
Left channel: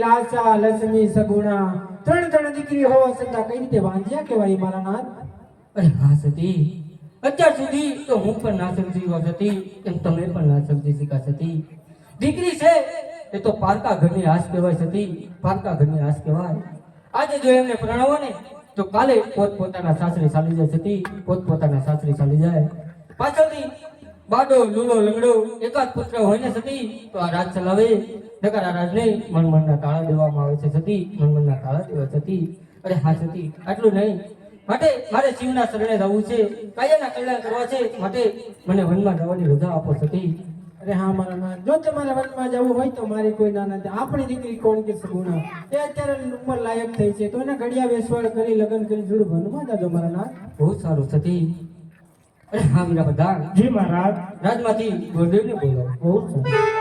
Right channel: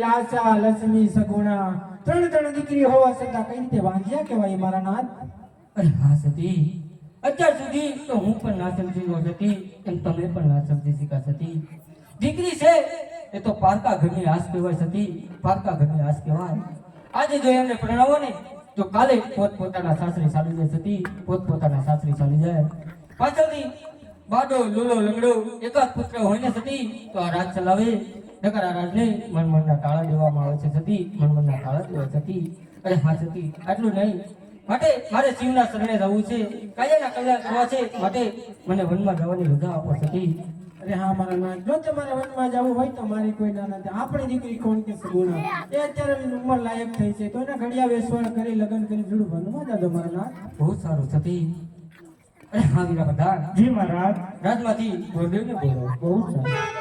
લાસા લક્ષ્મી સગુણા ત્રણ દીકરી હોવા છતાં કઈ રીતે વાંધ્યા કહેવાય મારા નાથ? અરે હા સતી, અત્યાર સુધી તો હું પણ ના સમજી હતી, એમ તમે પણ ના સમજી શકા સતી. દીકરી છે એ તો પારકા ઘરની આસ કહેવાય સતી, પારકા ઘરની આસ કહેવાય. આજે જો એમને પ્રણાવો ને તો કાલે પોતપોતાના સાસરે ચાલી જાય સતી, પોતપોતાના સાસરે ચાલી જાય. પાછળથી બાડો લૂલો લંગડો એકાદ પુત્ર હોય ને સતી તો આ રાજ ચલાવે, નકર આ રાજને મનમનના તાળા દેવામાં આવે છે સતી, મનમનના તાળા દેવાય સતી. અરે હા સતી, આટલું નહીં, માટે મારે શિવના શરણે જવું છે, કાયાના કલ્યાણ કરવા છે, માટે મને વનમાં જવાની રજા આપો સતી. અરે હા મારા નાથ, જો તમારે વનમાં જવું હોય તો મારી કોઈ ના નથી. આપણી દીકરી કોણ કે સગુણા એ અત્યારે ઉંમર લાયક થઈ છે, તો એને ઘડિયા વેસવાડ કરી લગ્ન કરી જોડું વનમાં જાજો મારા નાથ. બહુ સારું સતી. અરે હા વીરા પ્રધાન, જી મહારાજ. રાજમાંથી ગોરદેવને બોલાવો. બહુ સારું.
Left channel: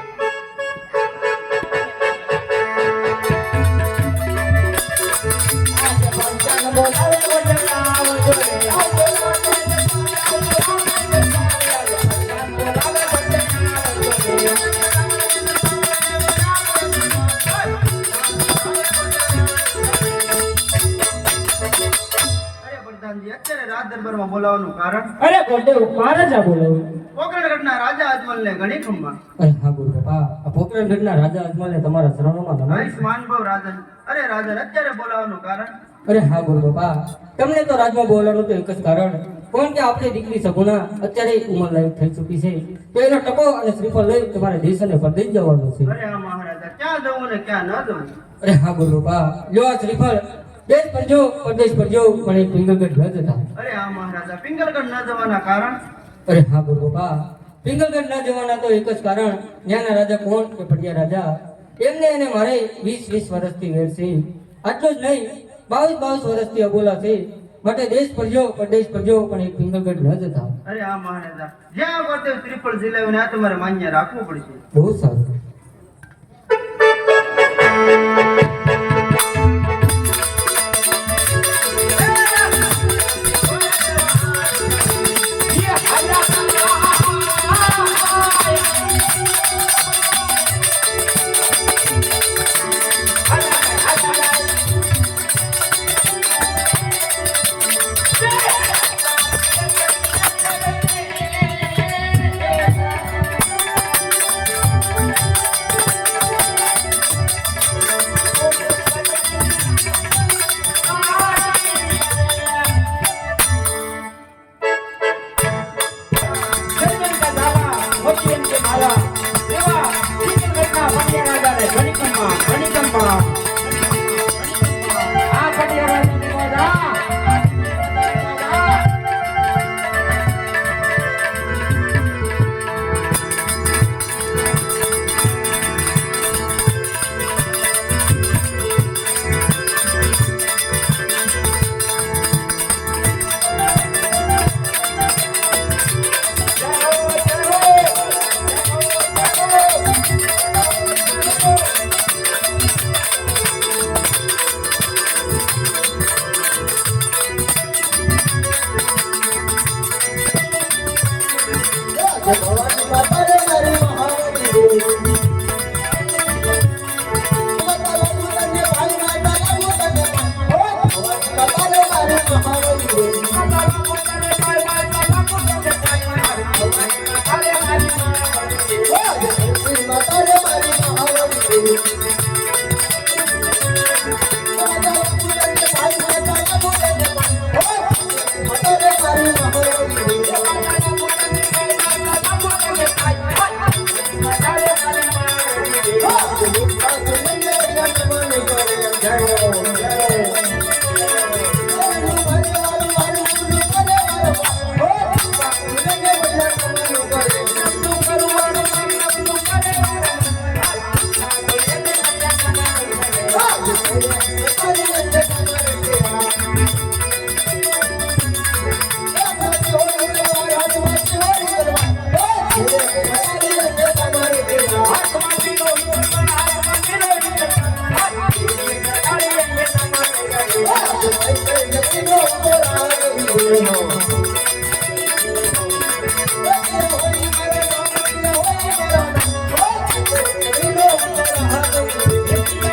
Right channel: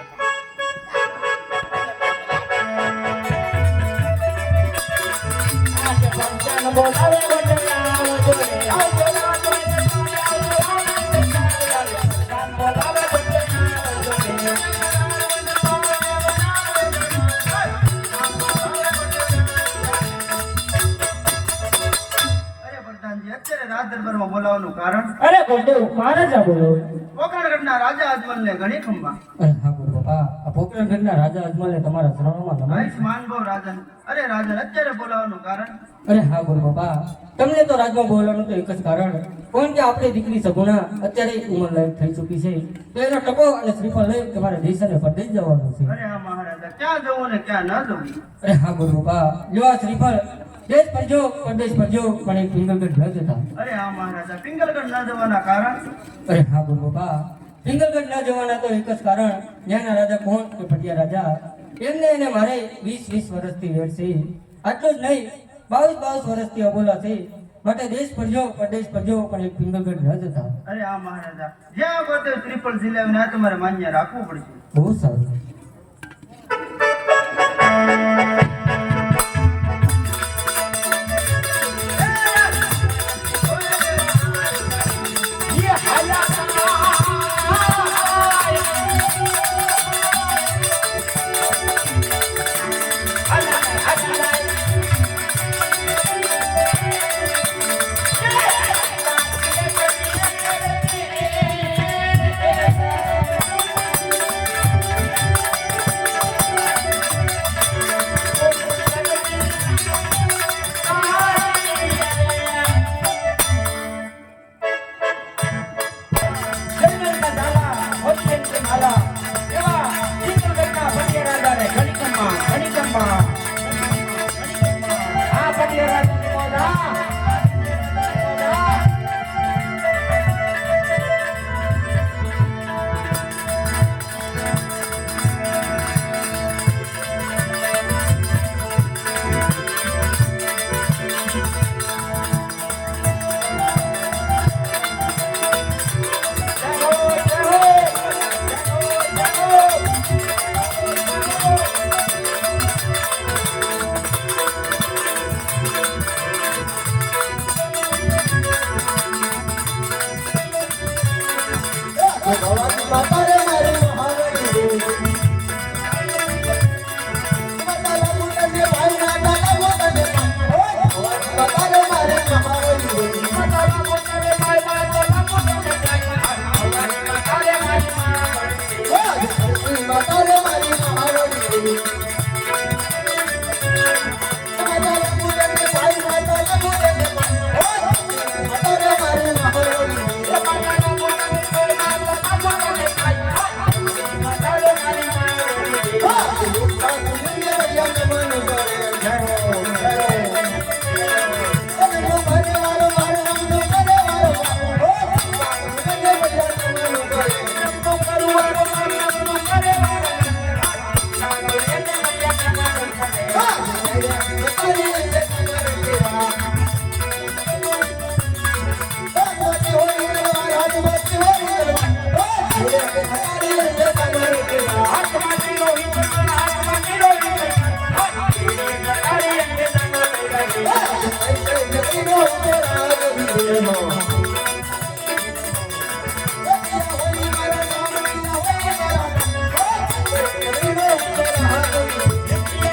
અરે પ્રધાનજી, અત્યારે રાજ દરબારમાં બોલાવવાનું કારણ અરે ગોરદેવ મહારાજા બોલો. પોકરણગઢના રાજા અજમલને ઘણી ખંભા અરે હા ગુરુ બાપા, આ પોકરણગઢના રાજા અજમલને તમારા શરણોમાં નમાય છે. આયુષ્માનભવ રાજન. અરે રાજન, અત્યારે બોલાવવાનું કારણ અરે હા ગુરુ બાપા, તમને તો રાજમાં બોલાવવાનું તો એક જ કારણ, કોણ કે આપણી દીકરી સગુણા અત્યારે ઉંમર લાયક થઈ ચૂકી છે, તો એનો ટકો અને શ્રીફળ લઈ તમારે દેશ અને પરદેશ જવાનું છે. અરે હા મહારાજા, ક્યાં જવું ને ક્યાં ન જવું? અરે હા ગુરુ બાપા, લ્યો આ શ્રીફળ, દેશ પર જો પરદેશ પર જો, પણ એક પિંગલગઢ ન જતા. અરે હા મહારાજા, પિંગલગઢ ન જવાના કારણ અરે હા ગુરુ બાપા, પિંગલગઢ ના જવાના તો એક જ કારણ, ત્યાંના રાજા કોણ કે પટિયા રાજા, એમને એને મારે 20 વર્ષથી વેર છે. આટલું જ નહીં, 22 વર્ષથી અબોલા છે, માટે દેશ પર જો પરદેશ પર જો, પણ એક પિંગલગઢ ન જતા. અરે હા મહારાજા, જ્યાં ગોતે ત્રિફળ ઝીલાવીને આ તમારે માન્ય રાખવું પડશે. બહુ સારું.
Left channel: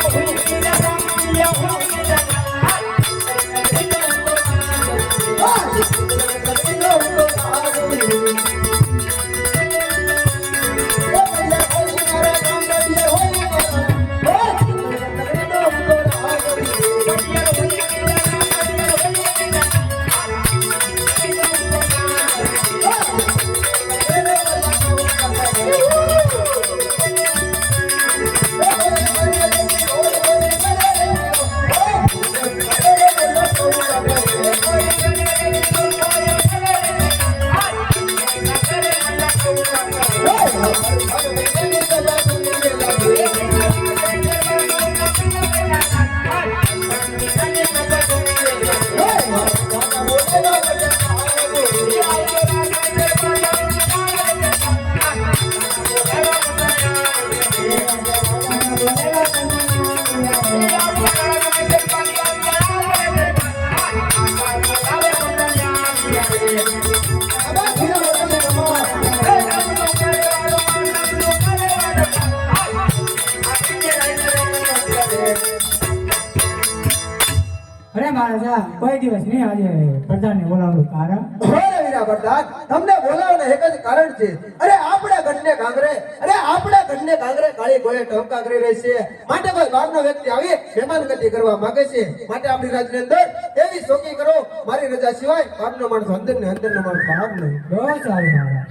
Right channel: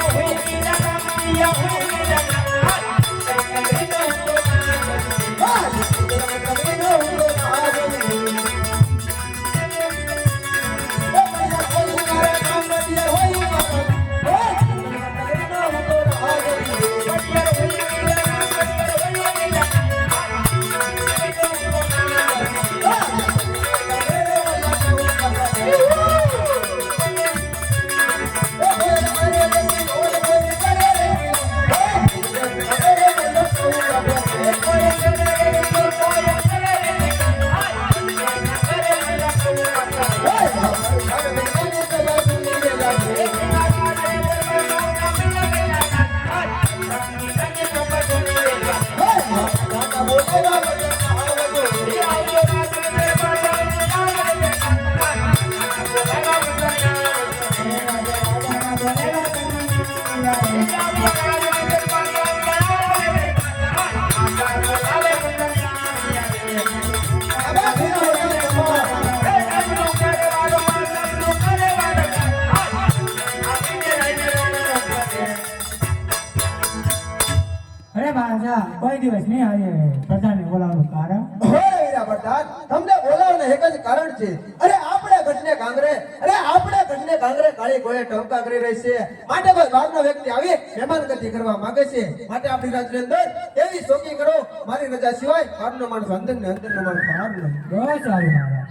Oh, અરે મહારાજા કોઈ દિવસ નહીં આજે પ્રધાનને બોલાવવાનું કારણ અરે વીરા પ્રધાન તમને બોલાવવાનું એક જ કારણ છે. અરે આપણા ગઢને કાંગરે કાળી ગોળે ટવકા કરી રહી છે. માટે કોઈ બહારનો વ્યક્તિ આવી મહેમાનગતિ કરવા માંગે છે. માટે આપણી રાજ્યની અંદર એવી શોકી કરો મારી રજા સિવાય બહારનો માણસ અંદર ને અંદરનો માણસ બહાર નહીં. બહુ સારું મહારાજ.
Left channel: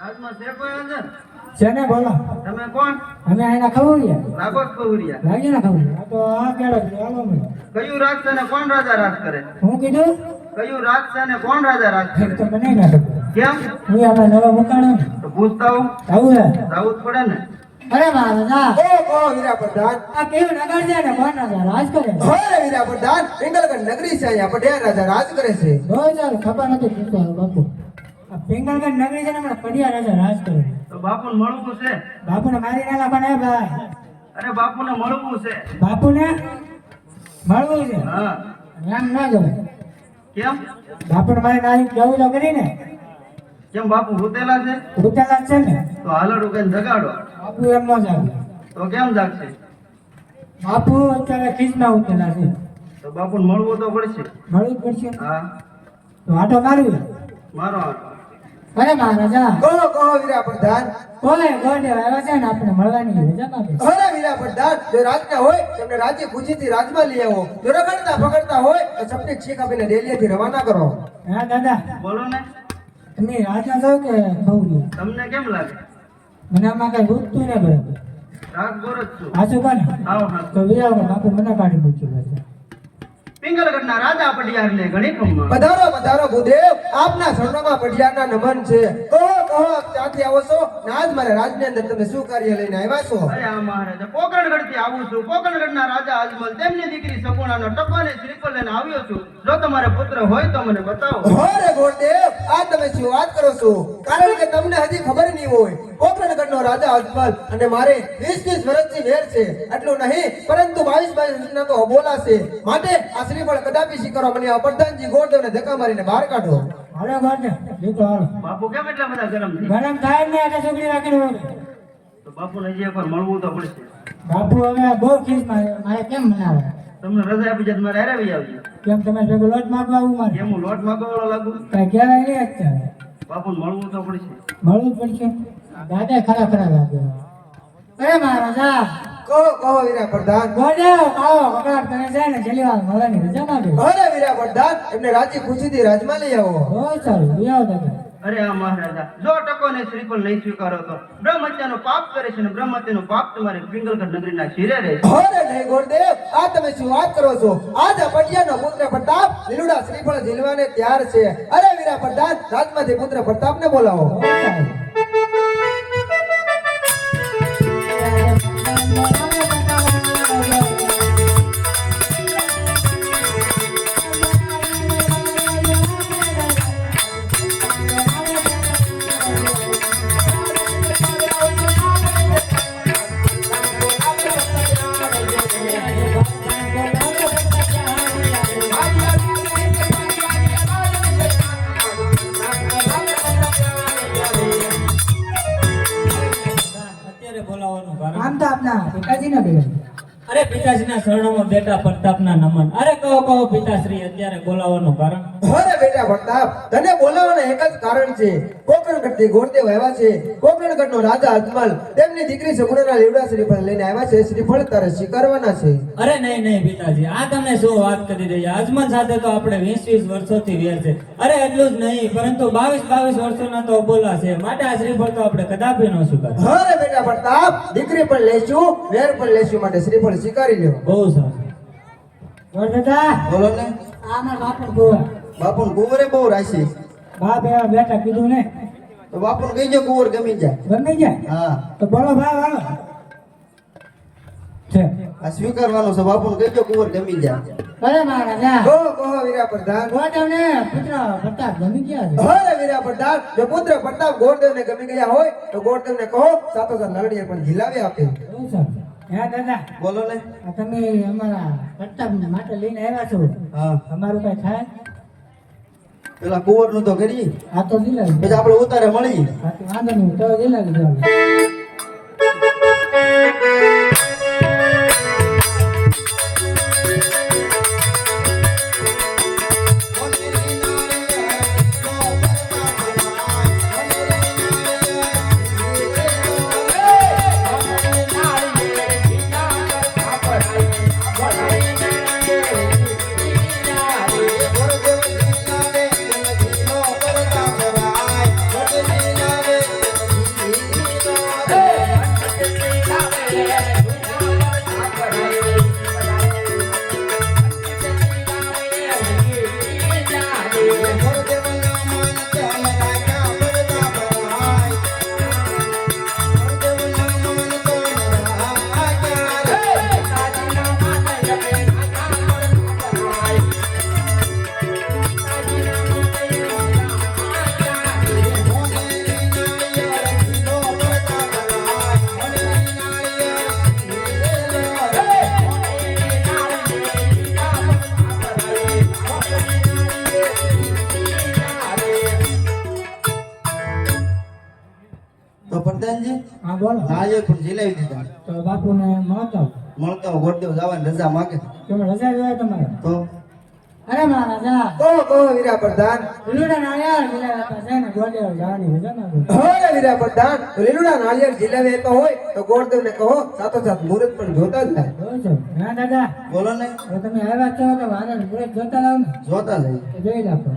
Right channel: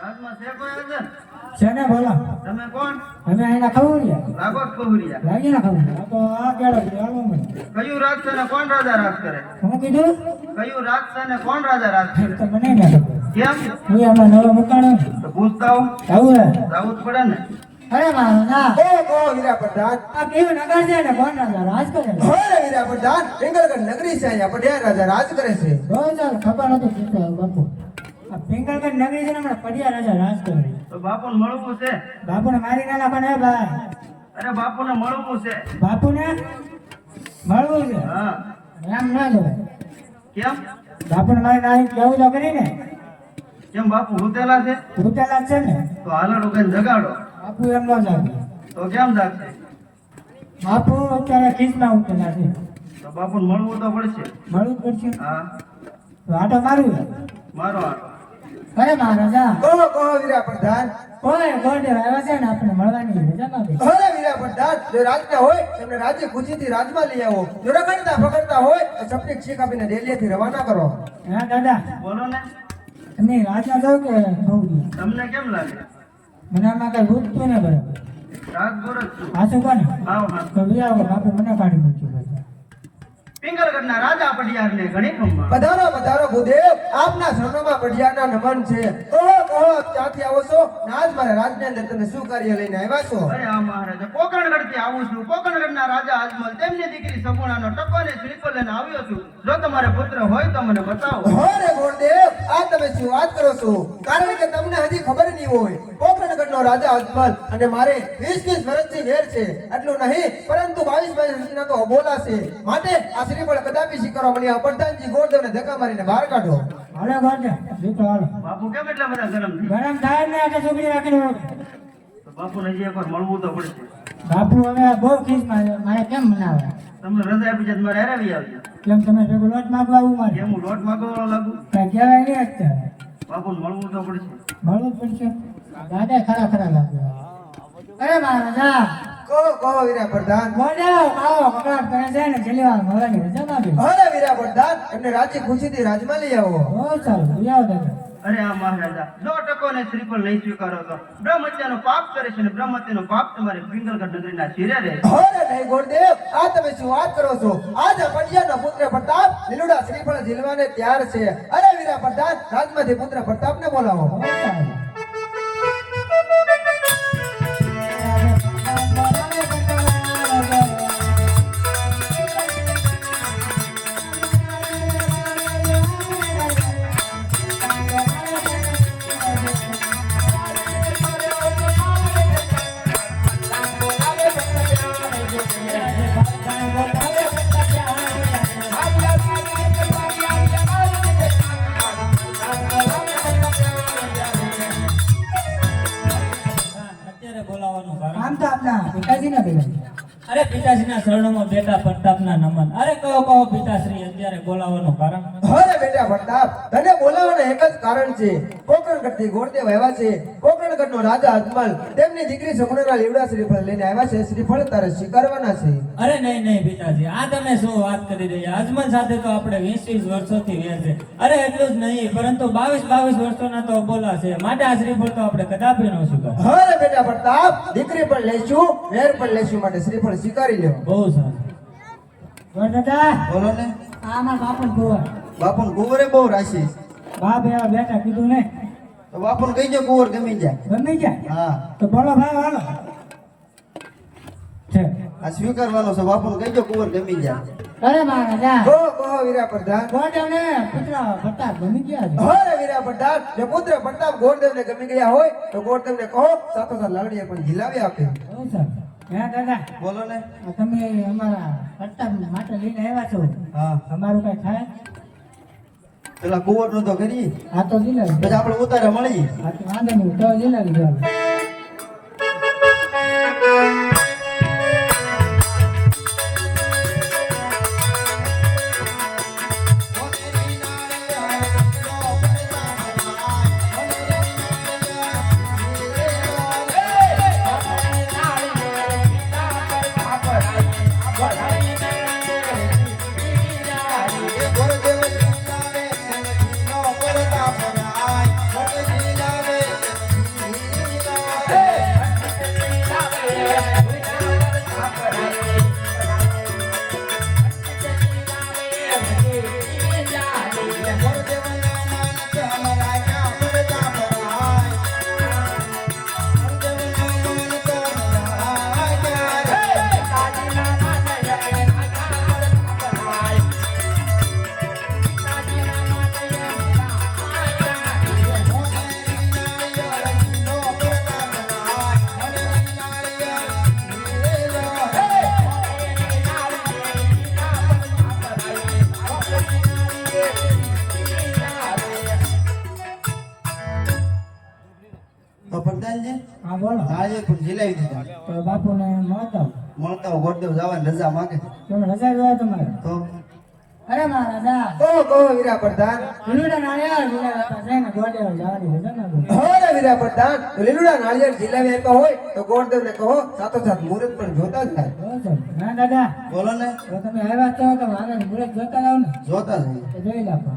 રાજમાં છે કોઈ અંદર? છે ને બોલો. તમે કોણ? અમે એના ખવડિયા લાગો જ કૌરિયા. લાગી ના ખવડિયા. આ તો આ કેળો ચાલો મને. કયું રાજ છે ને કોણ રાજા રાજ કરે? હું કીધું કયું રાજ છે ને કોણ રાજા રાજ કરે? તો મને ના ખબર. કેમ? હું આમાં નવો મુકાણો ને. તો પૂછતા આવું. આવું હે. આવું જ પડે ને. અરે મહારાજા કહો વીરા પ્રધાન. આ કેવું નગર છે ને કોણ રાજ કરે છે? અરે વીરા પ્રધાન પિંગલગઢ નગરી છે. અહીંયા પઢિયાર રાજા રાજ કરે છે. બહુ સારું ખબર નથી પૂછતો બાપુ. આ પિંગલગઢ નગરી છે ને હમણાં પડિયા રાજા રાજ કરે છે. તો બાપુને મળવું છે. બાપુને મારી ના નાખવાના હે ભાઈ. અરે બાપુને મળવું છે. બાપુને મળવું છે હા. એમ ના જવાય. કેમ? બાપુને મારી નાખી કેવું તો કરીને કેમ બાપુ ભૂતેલા છે? ઉઠેલા જ છે ને. તો હાલડું કઈ જગાડો. બાપુ એમ ન જાગે. તો કેમ જાગશે? બાપુ અત્યારે ખીચમાં ઉઠેલા છે. તો બાપુને મળવું તો પડશે. મળવું જ પડશે. હા. તો આટો મારવું. મારો આટો. અરે મહારાજા કહો વીરા પ્રધાન. કોઈ ગોડે આવ્યા છે ને આપણે મળવાની રજા માંગે. અરે વીરા પ્રધાન જો રાજના હોય તમને રાજ્ય ખુશીથી રાજમાં લઈ આવો. જો રગડતા પકડતા હોય તો સપની શીખ આપીને ડેલીથી રવાના કરો. હા દાદા બોલો ને. તમે રાજા જાવ કે ખવડી? તમને કેમ લાગે? મને આમાં કઈ રૂપતું ને બરાબર. રાત ગોર જ છું. હાચું કોને આવો હા. તો વિયાવો બાપુ મને કાઢી મૂક્યું ભાઈ. પિંગલગઢના રાજા પડિયારને ઘણી ખમ્મા. પધારો પધારો ભૂદેવ આપના શરણોમાં પઢિયારના નમન છે. કહો ક્યાંથી આવો છો ને આજ મારે રાજની અંદર તમે શું કાર્ય લઈને આવ્યા છો? અરે આ મહારાજા પોકરણગઢથી આવું છું. પોકરણગઢના રાજા અજમલ તેમની દીકરી સગુણાનો ટકો ને શ્રીફળ લઈને આવ્યો છું. જો તમારે પુત્ર હોય તો મને બતાવો. અરે ગોરદેવ આ તમે શું વાત કરો છો? કારણ કે તમને હજી ખબર નહીં હોય પોકરણગઢનો રાજા અજમલ અને મારે 20 વર્ષથી વેર છે. એટલું નહીં પરંતુ 22 વર્ષના તો અબોલા છે. માટે આ શ્રીફળ કદાપી સ્વીકારવા મને આ પ્રધાનજી ગોરદેવને ધક્કા મારીને બહાર કાઢો. હાલો ગોડે જીતો હાલો. બાપુ કેમ એટલા બધા ગરમ છે? ગરમ થાય ને એટલે છોકરી રાખીને હોય. તો બાપુને હજી એકવાર મળવું તો પડશે. બાપુ હવે બહુ ખીસમાં મારે કેમ મનાવે? તમને રજા આપી જાય મારે હારે આવી. કેમ તમે ભેગો લોટ માગવા આવું મારે? કેમ હું લોટ માંગવા વાળો લાગુ? કઈ કહેવાય નહીં અત્યારે. બાપુને મળવું તો પડશે. મળવું જ પડશે. દાદા ખરા ખરા લાગે. અરે મહારાજા કહો વીરા પ્રધાન. ગોડે આવો કકડાટ કરે છે ને જલીવાલ મળવાની રજા માંગે. અરે વીરા પ્રધાન એમને રાજ્ય ખુશીથી રાજમાં લઈ આવો. બહુ સારું વિયાવો દાદા. અરે આ મહારાજા જો ટકો ને શ્રીફળ નહીં સ્વીકારો તો બ્રહ્મ હત્યાનો પાપ કરે છે ને બ્રહ્મ હત્યાનો પાપ તમારી પિંગલગઢ નગરીના શિરે રહે છે. અરે નહીં ગોરદેવ આ તમે શું વાત કરો છો? આજ આ પટિયાનો પુત્ર પ્રતાપ લીલુડા શ્રીફળ ઝીલવાને તૈયાર છે. અરે વીરા પ્રધાન રાજમાંથી પુત્ર પ્રતાપને બોલાવો. બહુ સારું. આમ તો આપના પિતાજી ના બેન અરે પિતાશ્રીના શરણોમાં બેટા પ્રતાપના નમન. અરે કહો પિતાશ્રી અત્યારે બોલાવવાનું કારણ? અરે બેટા પ્રતાપ, તને બોલાવવાના એક જ કારણ છે. કોકણગઢથી ગોરદેવ આવ્યા છે. કોકણગઢનો રાજા અજમલ તેમની દીકરી સગુણાના લીવડા શ્રીફળ લઈને આવ્યા છે. શ્રીફળ તારે સ્વીકારવાના છે. અરે નહીં પિતાજી, આ તમે શું વાત કરી રહ્યા? અજમલ સાથે તો આપણે 20 વર્ષોથી વ્યાર છે. અરે એટલું જ નહીં, પરંતુ 22 વર્ષોના તો બોલા છે. માટે આ શ્રીફળ તો આપણે કદાપી ન સ્વીકાર. અરે બેટા પ્રતાપ, દીકરી પણ લઈશું, વેર પણ લઈશું, માટે શ્રીફળ સ્વીકારી લ્યો. બહુ સારું. દાદા બોલો ને. આમાં બાપણ ગોવા બાપુને કુંવરે બહુ રાશી. બાપ એવા બેટા કીધું ને તો બાપુને કહીજો કુંવર ગમી જાય. ગમી જાય હા, તો બોલો ભાવ હાલો છે. આ સ્વીકારવાનો છે. બાપુને કહીજો કુંવર ગમી જાય. અરે મહારાજા કહો વીરા પ્રધાન. ગોડવને પુત્ર પ્રતાપ ગમી ગયા છે. અરે વીરા પ્રધાન, જો પુત્ર પ્રતાપ ગોરદેવને ગમી ગયા હોય તો ગોરદેવને કહો સાથોસાથ લાડણીયા પણ ઝીલાવી આપે. બહુ સારું. હા દાદા, બોલો ને. આ તમે અમારા પ્રતાપ માટે લઈને આવ્યા છો, હા, તમારું કઈ થાય? પેલા કુંવરનું તો કરીએ, આ તો દિલાવી પછી આપણે ઉતારે મળીએ. વાંધો નહીં, તો દિલાવી દેવાનું. તો પ્રધાનજી, હા બોલો. નાળિયેર પણ ઝીલાવી દીધા. તો બાપુને મળતા મળતા ગોરદેવ જવાની રજા માંગે. તમે રજા રહ્યા તમારે? તો અરે મહારાજા, કહો વીરા પ્રધાન. લીલુડા નાળિયેર લીલા છે ને ગોડેવ જવાની રજા ના દો. અરે વીરા પ્રધાન, લીલુડા નાળિયેર ઝીલાવી આપ્યા હોય તો ગોરદેવને કહો સાથોસાથ મુહૂર્ત પણ જોતા જ થાય. બહુ સારું. હા દાદા, બોલો ને. હવે તમે આવ્યા છો તો મારે મુરત જોતા લાવ ને, જોતા જઈએ. તો જોઈ લાવો.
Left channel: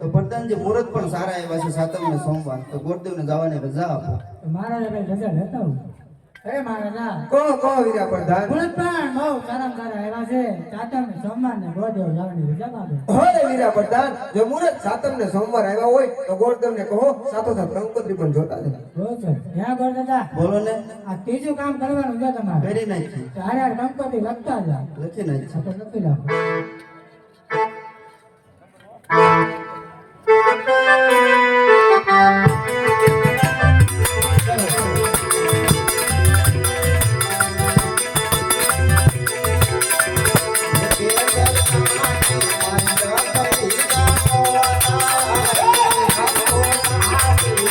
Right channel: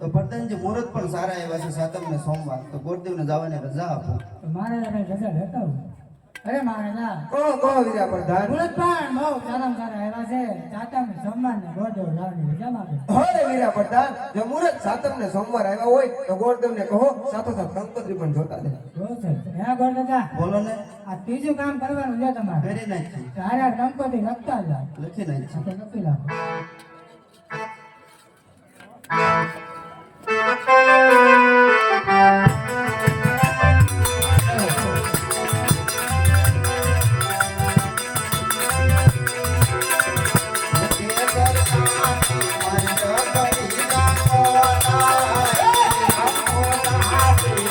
તો પ્રધાનજી, મુહૂર્ત પણ સારા એવા છે. સાતમ ને સોમવાર તો ગોરદેવને જવાની રજા આપો. તો મારા રજા લેતા આવું. અરે મહારાજા, કહો વીરા પ્રધાન. મુરત પણ બહુ સારામાં સારા આવ્યા છે. સાતમ ને સોમવાર ને ગોડેવ જવાની રજા ના દો. અરે વીરા પ્રધાન, જો મુહૂર્ત સાતમ ને સોમવાર આવ્યા હોય તો ગોરદેવને કહો સાથોસાથ કંકોત્રી પણ જોતા જાય. બહુ સારું. ત્યાં ગોળ દાદા, બોલો ને. આ ત્રીજું કામ કરવાનું છે તમારે. કરી નાખી. તો હારે કંકોત્રી લખતા જાઓ. લખી નાખી. આ તો લખી લાવો. Thank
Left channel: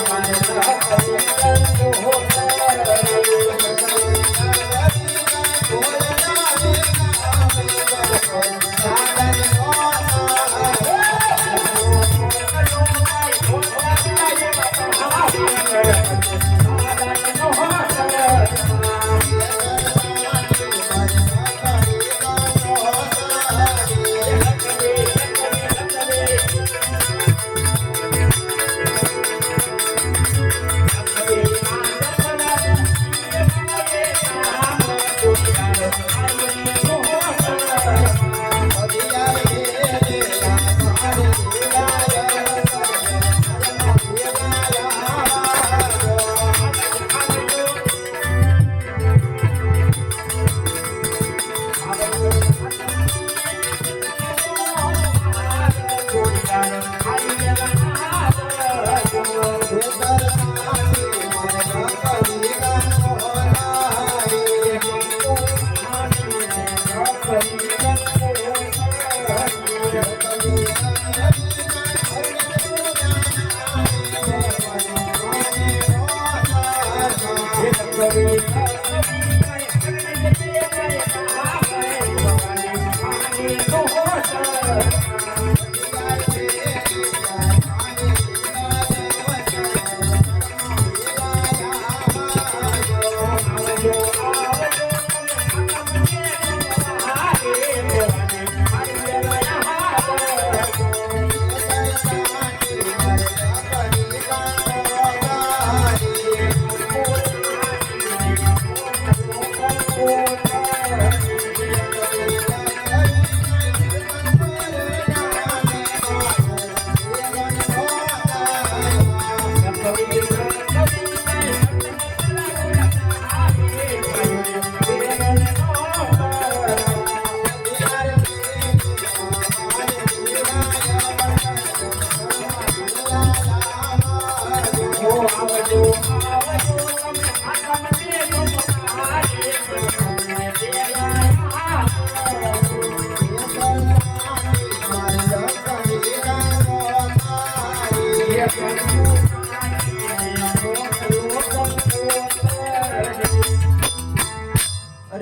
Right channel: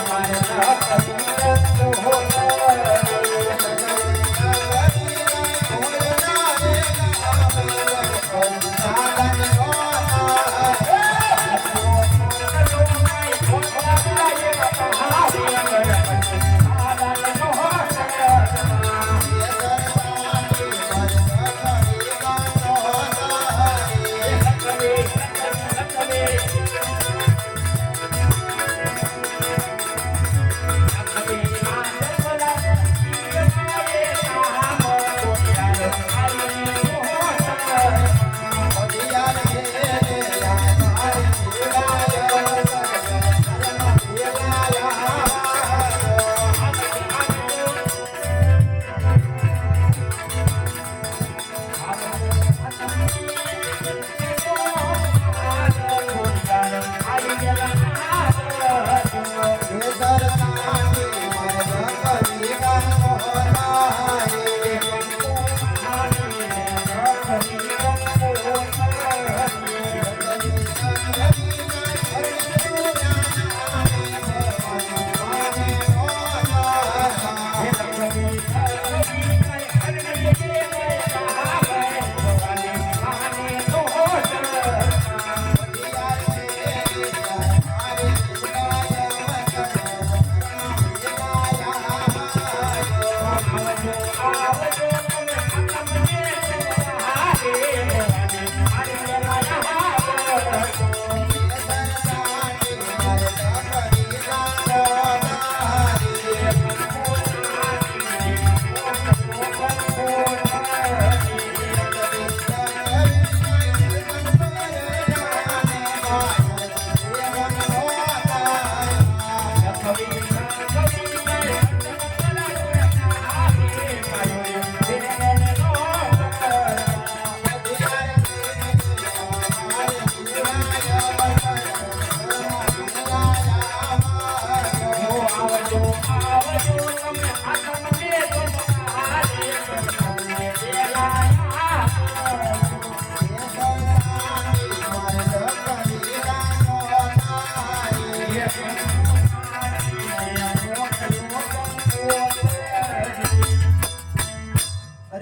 you. અરે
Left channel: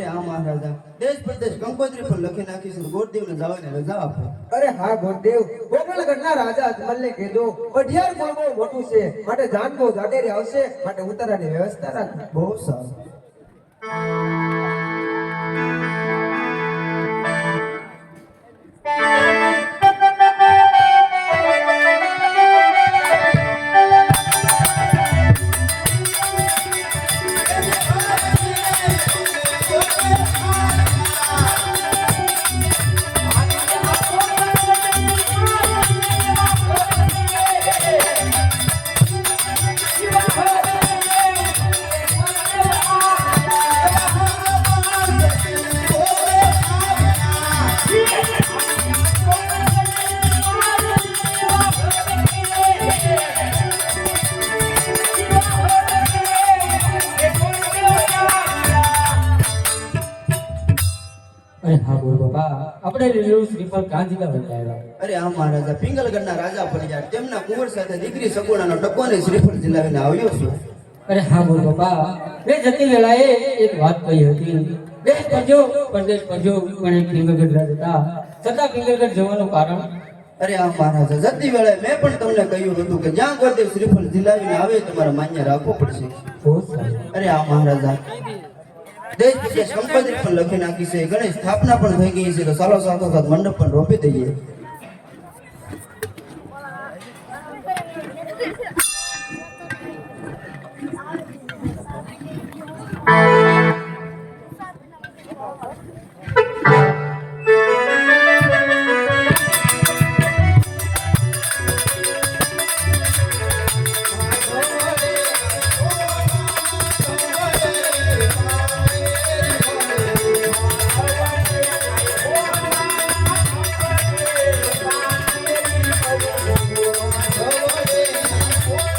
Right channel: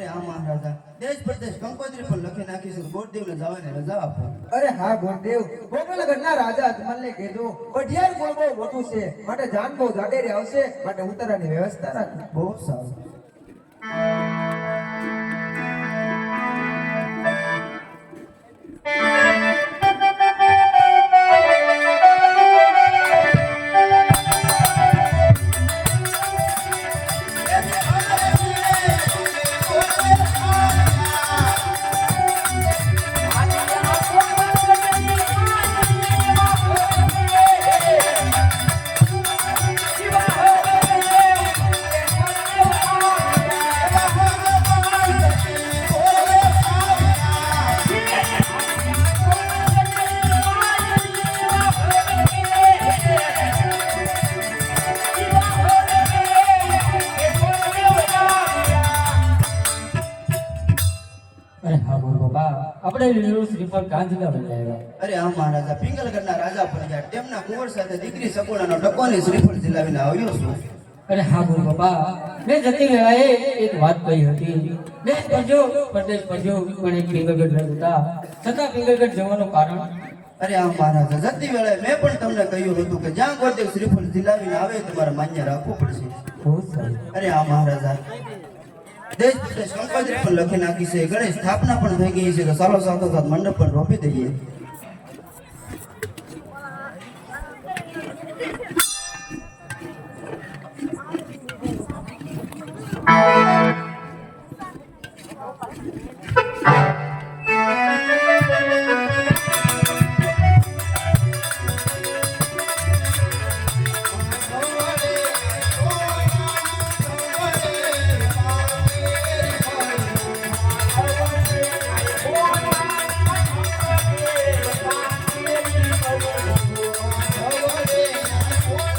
હા મહારાજા, દેશ પ્રદેશ કંકોત્રી પર લખી નાખી છે, ગોરદેવને જવાની રજા આપો. અરે હા ગોરદેવ, ગોકળગઢના રાજા અજમલને કીધું અઢિયાર ગામ બહુ મોટું છે, માટે જાનબો જાડેરી આવશે, માટે ઉતારાની વ્યવસ્થા રાખો. બહુ સારું. અરે હા બોલ બાબા, આપણે લીલું શ્રીફળ કાંજીલા બનાવ્યા. અરે હા મહારાજા, પિંગલગઢના રાજા બન્યા, તેમના કુંવર સાથે દીકરી સગુણાનો ટકોને શ્રીફળ જિલ્લાવીને આવ્યો છું. અરે હા બોલ બાબા, મેં જતી વેળાએ એક વાત કહી હતી. દેશ પરજો પરદેશ પરજો મને પિંગલગઢ રાજતા, છતાં પિંગલગઢ જવાનું કારણ. અરે હા મહારાજા, જતી વેળાએ મેં પણ તમને કહ્યું હતું કે જ્યાં ગોરદેવ શ્રીફળ જિલ્લાવીને આવે તમારે માન્ય રાખવો પડશે. બહુ સારું. અરે હા મહારાજા, દેશ વિદેશ કંકોત્રી પણ લખી નાખી છે, ગણેશ સ્થાપના પણ થઈ ગઈ છે, તો સારો સારો મંડપ પણ રોપી દઈએ. અરે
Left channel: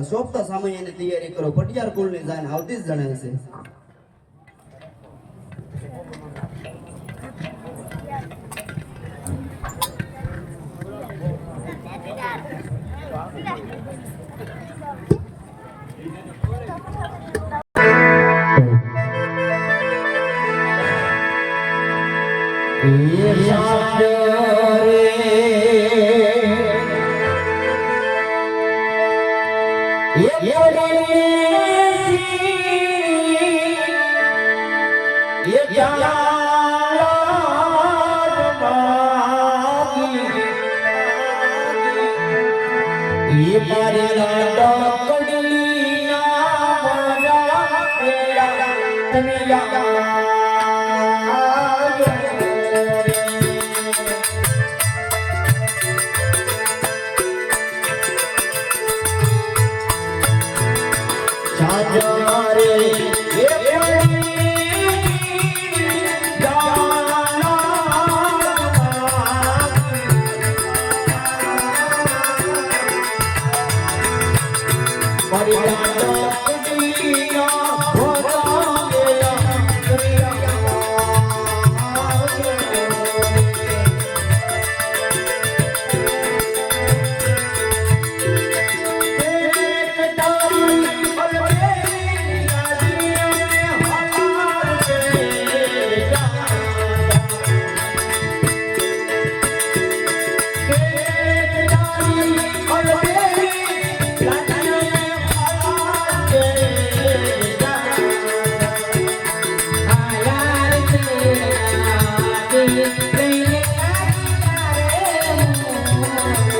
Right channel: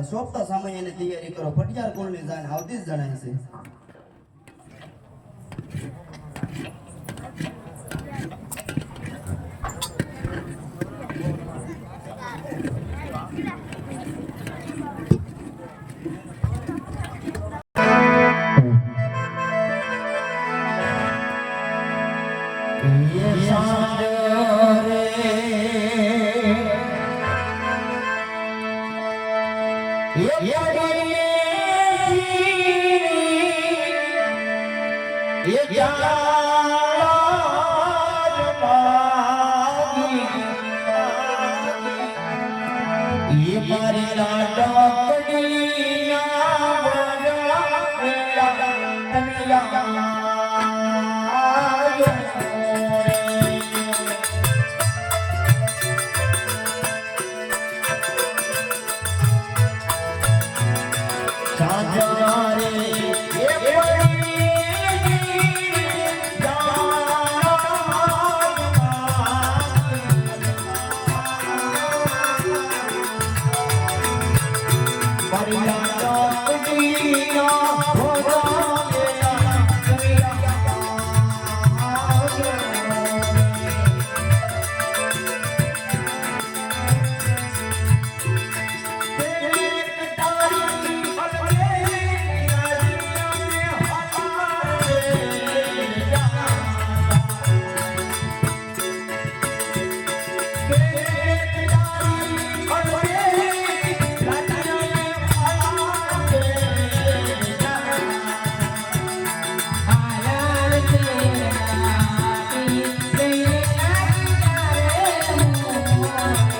એટલે સોંપતા સમયની તૈયારી કરો. પટિયાર કુળની જાન આવતી જ જણાય છે. Yeah.